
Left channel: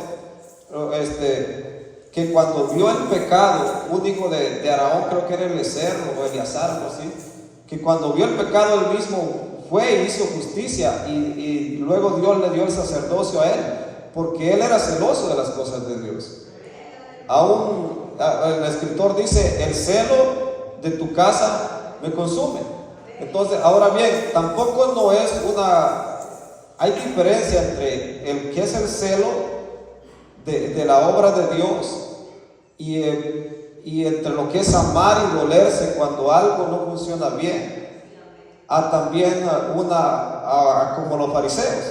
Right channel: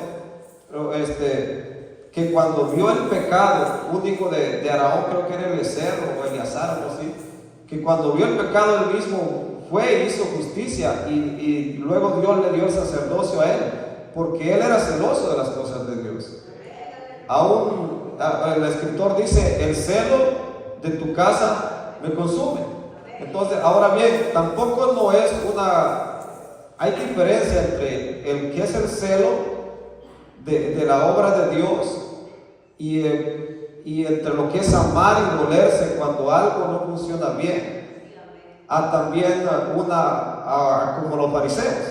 que cuando vio el pecado único de Aarón, creo que era Eliezer o Eleazar, algo así, que cuando vio el pecado él mismo fue e hizo justicia, y luego Dios le dio el sacerdocio a él, porque él era celoso de las cosas de Dios. Aún el escritor dice: el celo de tu casa me consume. Entonces, ahora bien, tampoco no es hay diferencia entre el que es el celo de la obra de Dios y entre lo que es amar y dolerse cuando algo no funciona bien, a también como los fariseos.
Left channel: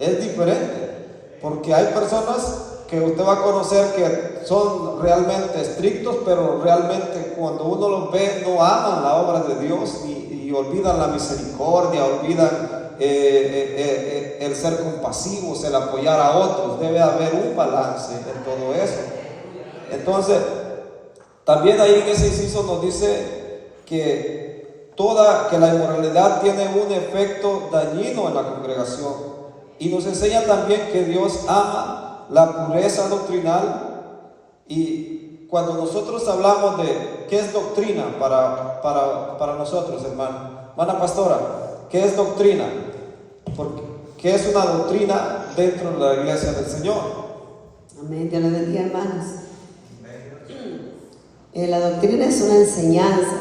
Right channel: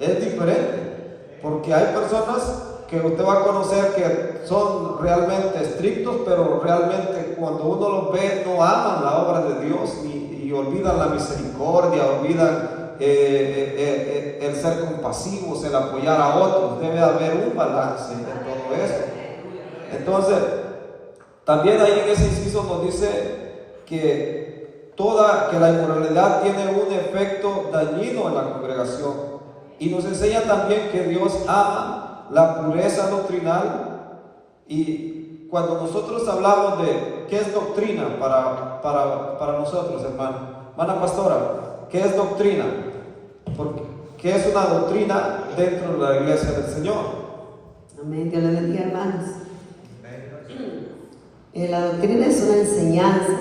Es diferente, porque hay personas que usted va a conocer que son realmente estrictos, pero realmente cuando uno los ve no aman la obra de Dios y olvidan la misericordia, olvidan el ser compasivos, el apoyar a otros. Debe haber un balance en todo eso. Entonces, también ahí en ese inciso nos dice que la inmoralidad tiene un efecto dañino en la congregación, y nos enseña también que Dios ama la pureza doctrinal. Y cuando nosotros hablamos de qué es doctrina para nosotros, hermana pastora, ¿qué es doctrina? ¿Qué es una doctrina dentro de la iglesia del Señor? Amén, Dios le bendiga, hermanos. La doctrina es una enseñanza,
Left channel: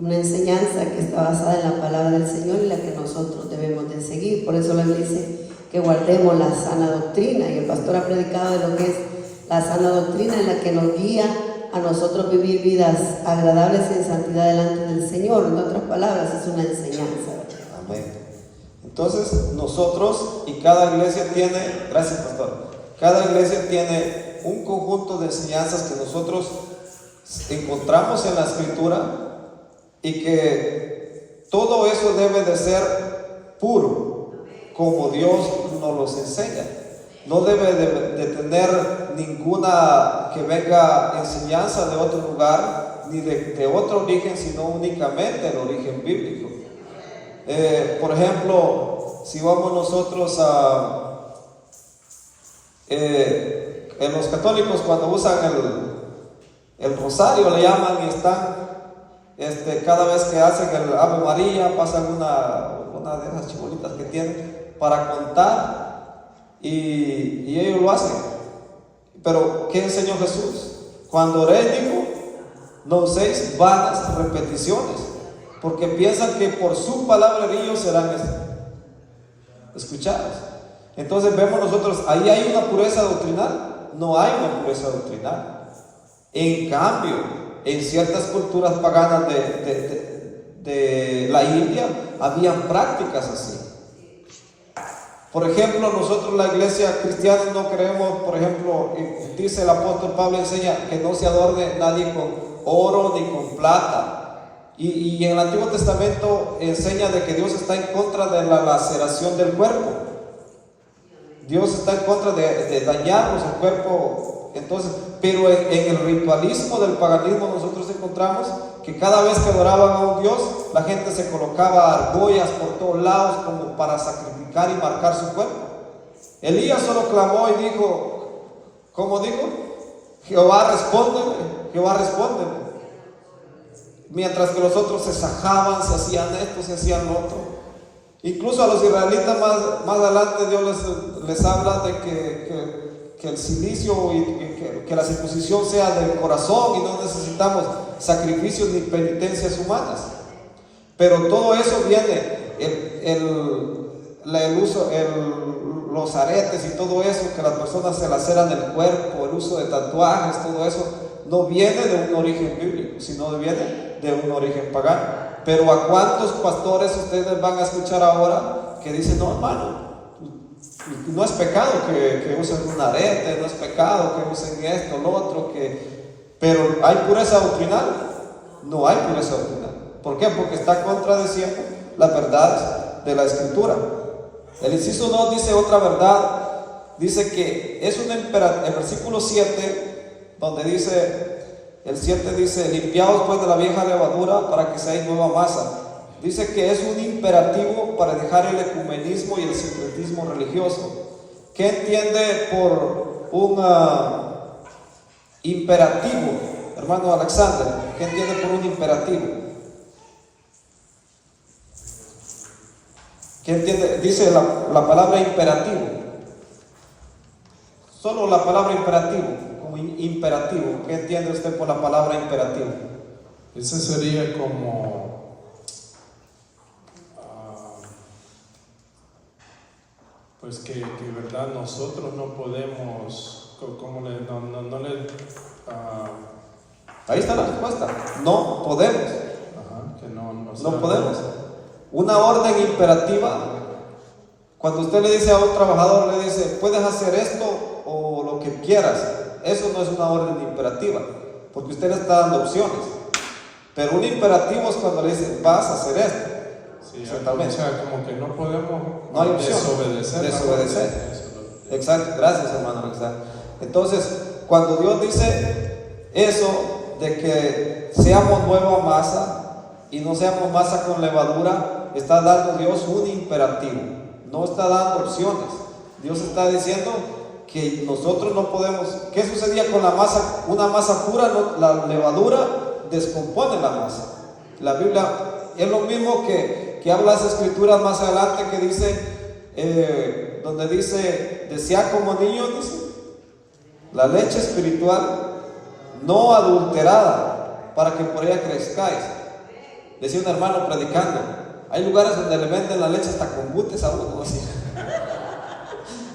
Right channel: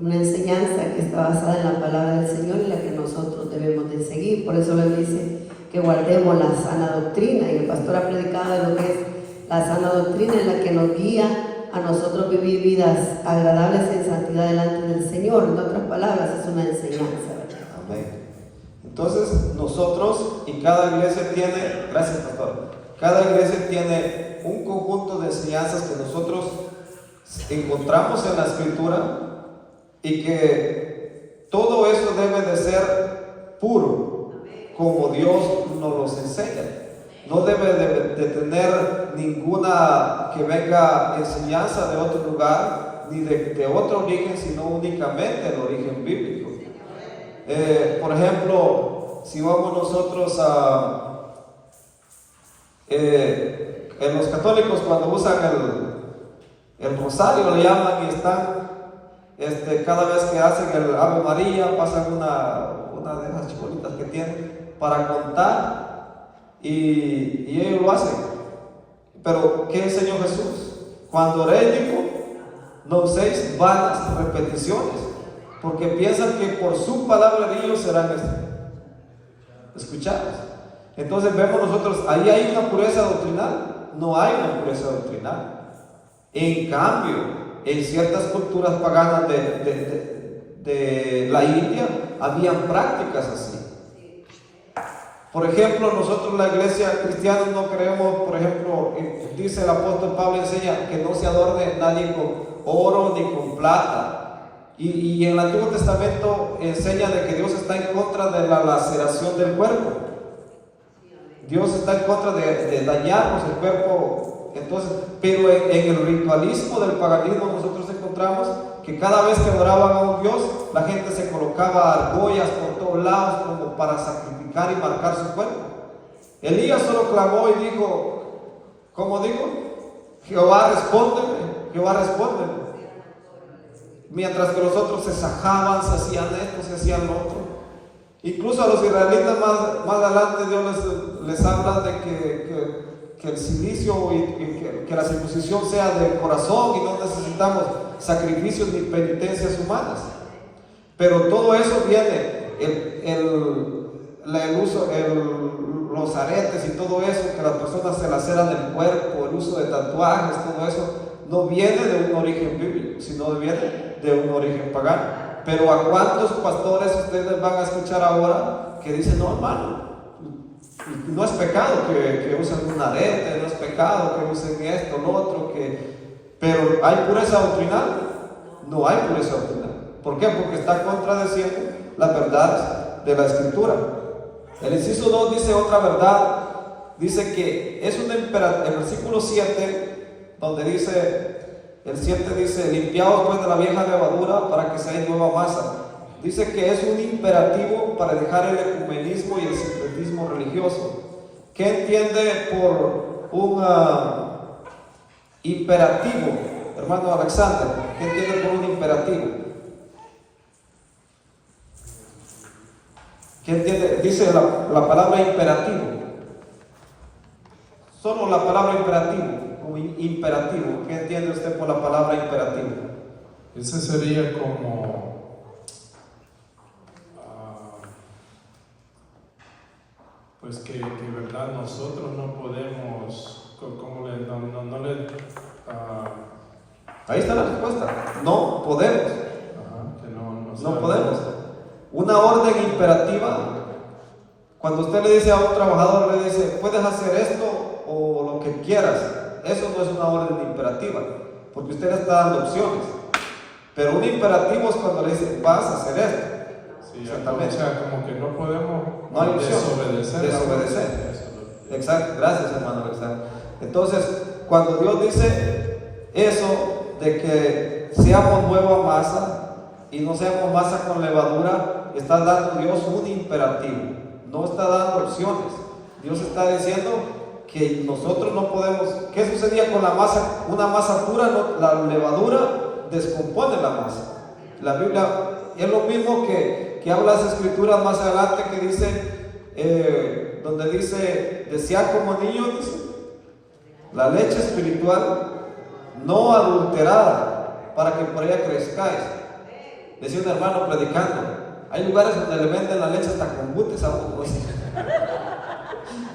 una enseñanza que está basada en la palabra del Señor y la que nosotros debemos de seguir. Por eso Él dice que guardemos la sana doctrina, y el pastor ha predicado de lo que es la sana doctrina, en la que nos guía a nosotros vivir vidas agradables en santidad delante del Señor. En otras palabras, es una enseñanza. Amén. Entonces nosotros y cada iglesia tiene, gracias pastor, cada iglesia tiene un conjunto de enseñanzas que nosotros encontramos en la Escritura, y que todo eso debe de ser puro, como Dios nos los enseña. No debe de tener ninguna que venga enseñanza de otro lugar, ni de otro origen, sino únicamente el origen bíblico. Por ejemplo, si vamos nosotros a en los católicos, cuando usan el rosario, le llaman, y están cada vez que hacen el Ave María, pasan una de esas chibolitas que tienen para contar, y ellos lo hacen. Pero ¿qué enseñó Jesús? Cuando oré, dijo, no uséis vanas repeticiones, porque piensan que por su palabra ellos serán escuchados. Entonces vemos nosotros, ahí hay una pureza doctrinal. No hay una pureza doctrinal. En cambio, en ciertas culturas paganas de la India, habían prácticas así. Por ejemplo, nosotros la iglesia cristiana no creemos, por ejemplo, dice el apóstol Pablo, enseña que no se adorne nadie con oro ni con plata. Y en el Antiguo Testamento enseña de que Dios está en contra de la laceración del cuerpo. Dios está en contra de dañarnos el cuerpo. Entonces, pero en el ritualismo del paganismo nosotros encontramos que cada vez que adoraban a un Dios, la gente se colocaba argollas por todos lados como para sacrificar y marcar su cuerpo. Elías solo clamó y dijo, ¿cómo dijo? Jehová respóndeme, Jehová respóndeme. Mientras que los otros se sajaban, se hacían esto, se hacían lo otro. Incluso a los israelitas más adelante Dios les habla de que el cilicio y que la circuncisión sea del corazón, y no necesitamos sacrificios ni penitencias humanas. Pero todo eso viene, los aretes y todo eso, que las personas se laceran el cuerpo, el uso de tatuajes, todo eso, no viene de un origen bíblico, sino viene de un origen pagano. Pero ¿a cuántos pastores ustedes van a escuchar ahora que dicen, no, hermano, no es pecado que usen un arete, no es pecado que usen esto, lo otro, pero ¿hay pureza doctrinal? No hay pureza doctrinal. ¿Por qué? Porque está contradeciendo la verdad de la Escritura. El inciso 2 dice otra verdad, dice que es un imperativo. El versículo 7, donde dice, el 7 dice, limpiaos pues de la vieja levadura para que seáis nueva masa. Dice que es un imperativo para dejar el ecumenismo y el sincretismo religioso. ¿Qué entiende por un imperativo, hermano Alexander? ¿Qué entiende por un imperativo? ¿Qué entiende? Dice la palabra imperativo. Solo la palabra imperativo. ¿Qué entiende usted por la palabra imperativo? Ese sería como pues que verdad nosotros no podemos, ahí está la respuesta. No podemos. Que no podemos. Una orden imperativa, cuando usted le dice a un trabajador, le dice, puedes hacer esto o lo que quieras, eso no es una orden imperativa, porque usted le está dando opciones. Pero un imperativo es cuando le dice, vas a hacer esto. Sí, exactamente. O sea, como que no podemos no hay desobedecer. Exacto, gracias hermano Alexander. Entonces, cuando Dios dice eso, de que seamos nueva masa y no seamos masa con levadura, está dando Dios un imperativo, no está dando opciones. Dios está diciendo que nosotros no podemos. ¿Qué sucedía con la masa? Una masa pura, la levadura descompone la masa. La Biblia es lo mismo que habla las escrituras más adelante, que dice, donde dice, desead como niños, dice, la leche espiritual no adulterada, para que por ella crezcáis. decía un hermano predicando, hay lugares donde le venden la leche hasta con butes a uno, así.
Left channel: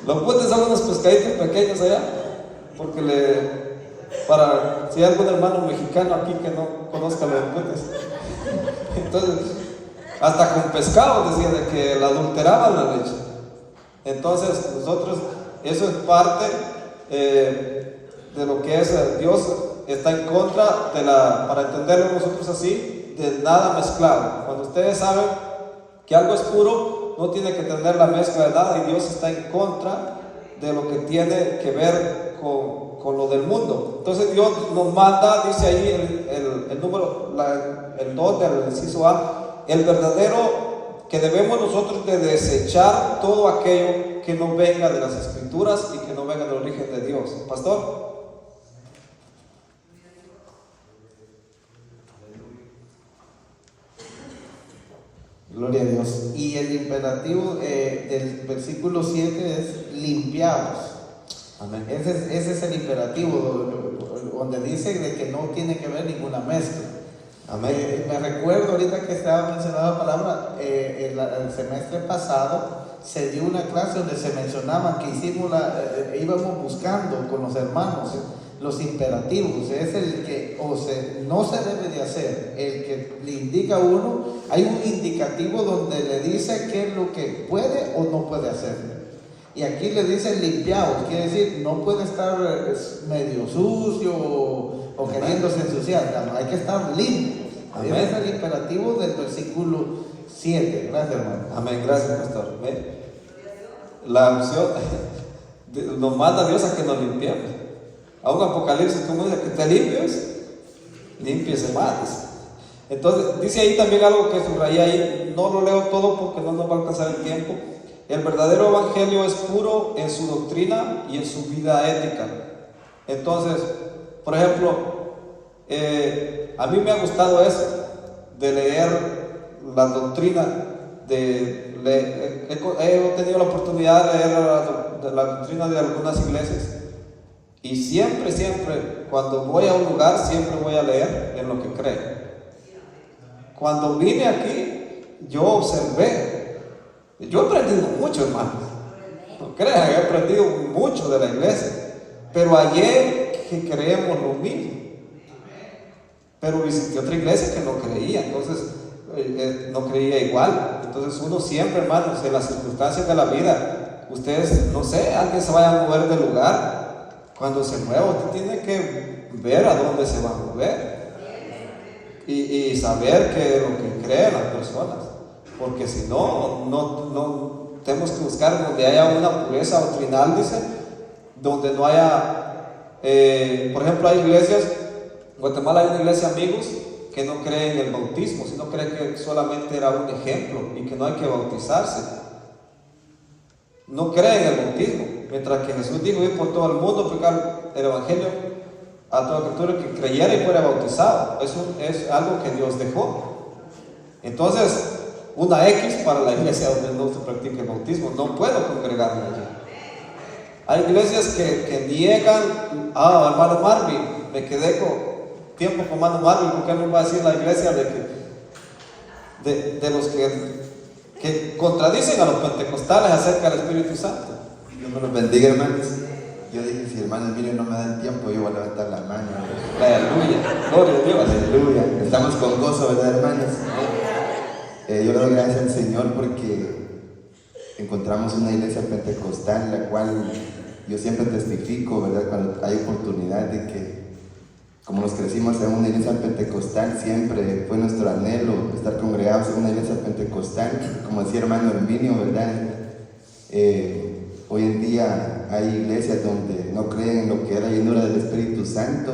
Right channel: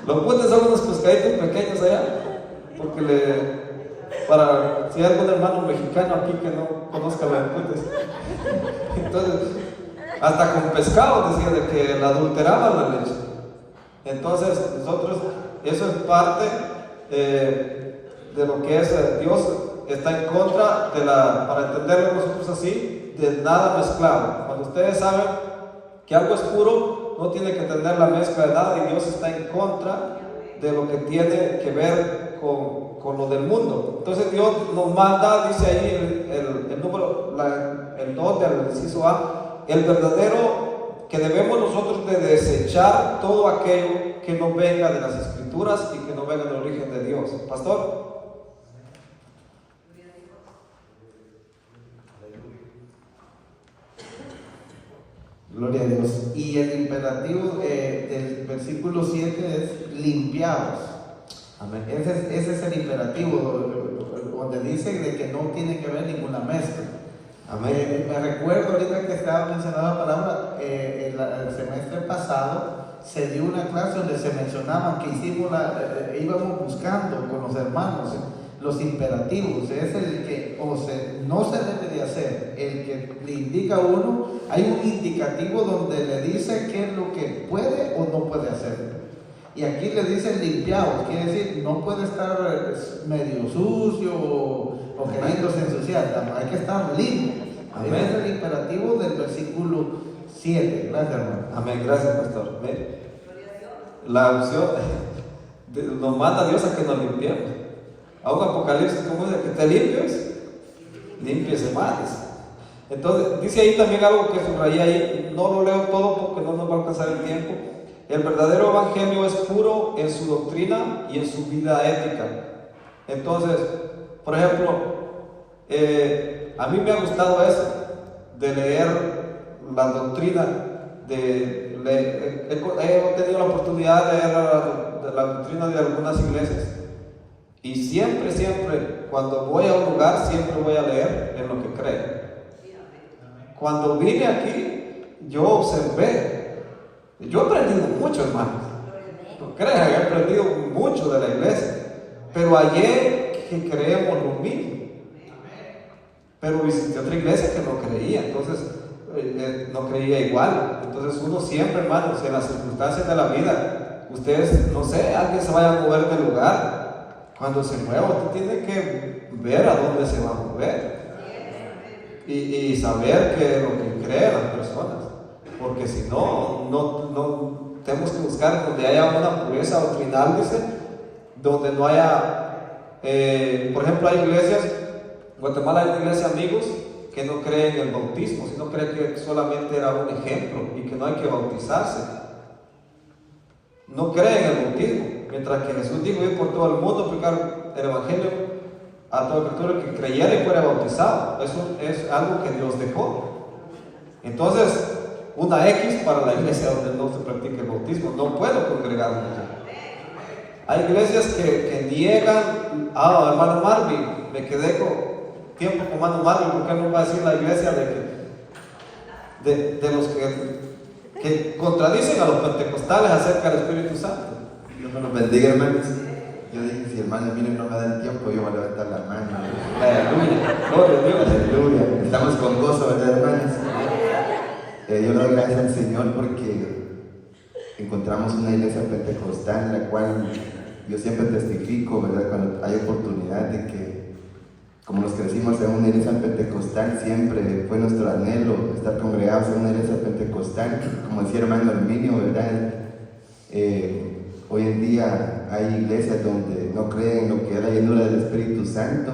Los butes son unos pescaditos pequeños allá, porque para si hay algún hermano mexicano aquí que no conozca los butes, entonces hasta con pescado decía de que la adulteraban la leche. Entonces nosotros, eso es parte de lo que es Dios está en contra de para entenderlo nosotros así, de nada mezclado. Cuando ustedes saben que algo es puro, no tiene que tener la mezcla de nada, y Dios está en contra de lo que tiene que ver con lo del mundo. Entonces Dios nos manda, dice ahí el número, el 2 del inciso A, el verdadero, que debemos nosotros de desechar todo aquello que no venga de las Escrituras y que no venga del origen de Dios. Pastor. Gloria a Dios. Y el imperativo del versículo 7 es limpiados. Amén. Ese es el imperativo, donde dice de que no tiene que ver ninguna mezcla. Amén. Me recuerdo ahorita que estaba mencionando la palabra, el semestre pasado se dio una clase donde se mencionaba que íbamos buscando con los hermanos los imperativos. Es el que no se debe de hacer, el que le indica a uno. Hay un indicativo donde le dice qué es lo que puede o no puede hacer. Y aquí le dice limpiados, quiere decir no puede estar medio sucio o queriéndose ensuciar, hay que estar limpio. Ese es el imperativo del versículo 7. Gracias, hermano. Amén, gracias, pastor. La opción nos manda Dios a que nos limpiemos. A un Apocalipsis, como dice, que te limpies más. Entonces, dice ahí también algo que subrayé ahí, no lo leo todo porque no nos va a alcanzar el tiempo. El verdadero evangelio es puro en su doctrina y en su vida ética. Entonces, por ejemplo, a mí me ha gustado eso, de leer la doctrina, he tenido la oportunidad de leer la doctrina de algunas iglesias, y siempre, cuando voy a un lugar, siempre voy a leer en lo que creo. Cuando vine aquí, yo observé, yo he aprendido mucho, hermanos, no crean, he aprendido mucho de la iglesia, pero ayer que creemos lo mismo. Pero visité otra iglesia que no creía, entonces no creía igual. Entonces uno siempre, hermanos, en las circunstancias de la vida, ustedes, no sé, alguien se vaya a mover de lugar. Cuando se mueva, usted tiene que ver a dónde se va a mover y saber que lo que creen las personas, porque si no tenemos que buscar donde haya una pureza doctrinal, dice, donde no haya, por ejemplo, hay iglesias. En Guatemala hay una iglesia, amigos, que no cree en el bautismo, sino cree que solamente era un ejemplo y que no hay que bautizarse. No cree en el bautismo, mientras que Jesús dijo ir por todo el mundo, predicar el evangelio a todo criatura que creyera y fuera bautizado. Eso es algo que Dios dejó. Entonces, una X para la iglesia donde no se practica el bautismo, no puedo congregarme allá. Hay iglesias que niegan, hermano Marvin, me quedé con tiempo con hermano Marvin, porque él nos va a decir la iglesia de los que contradicen a los pentecostales acerca del Espíritu Santo. Dios me los bendiga, hermanos. Yo dije, si hermanos miren no me dan tiempo, yo voy a levantar la mano. Aleluya, gloria a Dios. Aleluya. Estamos con gozo, ¿verdad, hermanos? Yo le doy gracias al Señor porque encontramos una iglesia pentecostal, la cual yo siempre testifico, ¿verdad? Cuando hay oportunidad de que, como nos crecimos en una iglesia pentecostal, siempre fue nuestro anhelo estar congregados en una iglesia pentecostal. Como decía hermano Herminio, ¿verdad? Hoy en día hay iglesias donde no creen en lo que es la llenura del Espíritu Santo,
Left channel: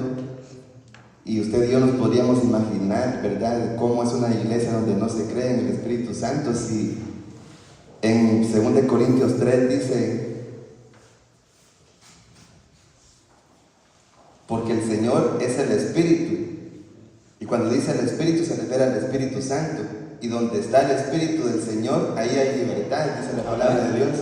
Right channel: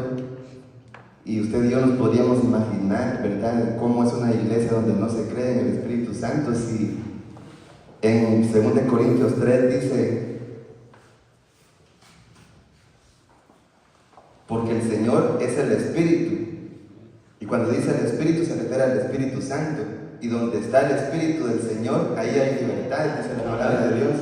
y usted y yo nos podríamos imaginar, ¿verdad?, cómo es una iglesia donde no se cree en el Espíritu Santo. Si en 2 Corintios 3 dice: porque el Señor es el Espíritu, y cuando dice el Espíritu se refiere al Espíritu Santo, y donde está el Espíritu del Señor, ahí hay libertad, dice la palabra de Dios.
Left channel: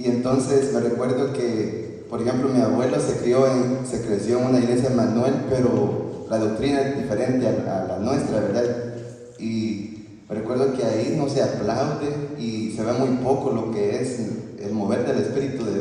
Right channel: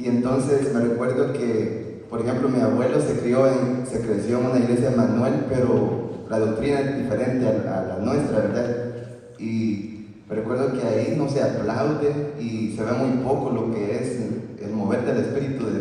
Y entonces me recuerdo que, por ejemplo, mi abuelo se creció en una iglesia en Manuel, pero la doctrina es diferente a la nuestra, ¿verdad? Y recuerdo que ahí no se aplaude y se ve muy poco lo que es el mover del Espíritu de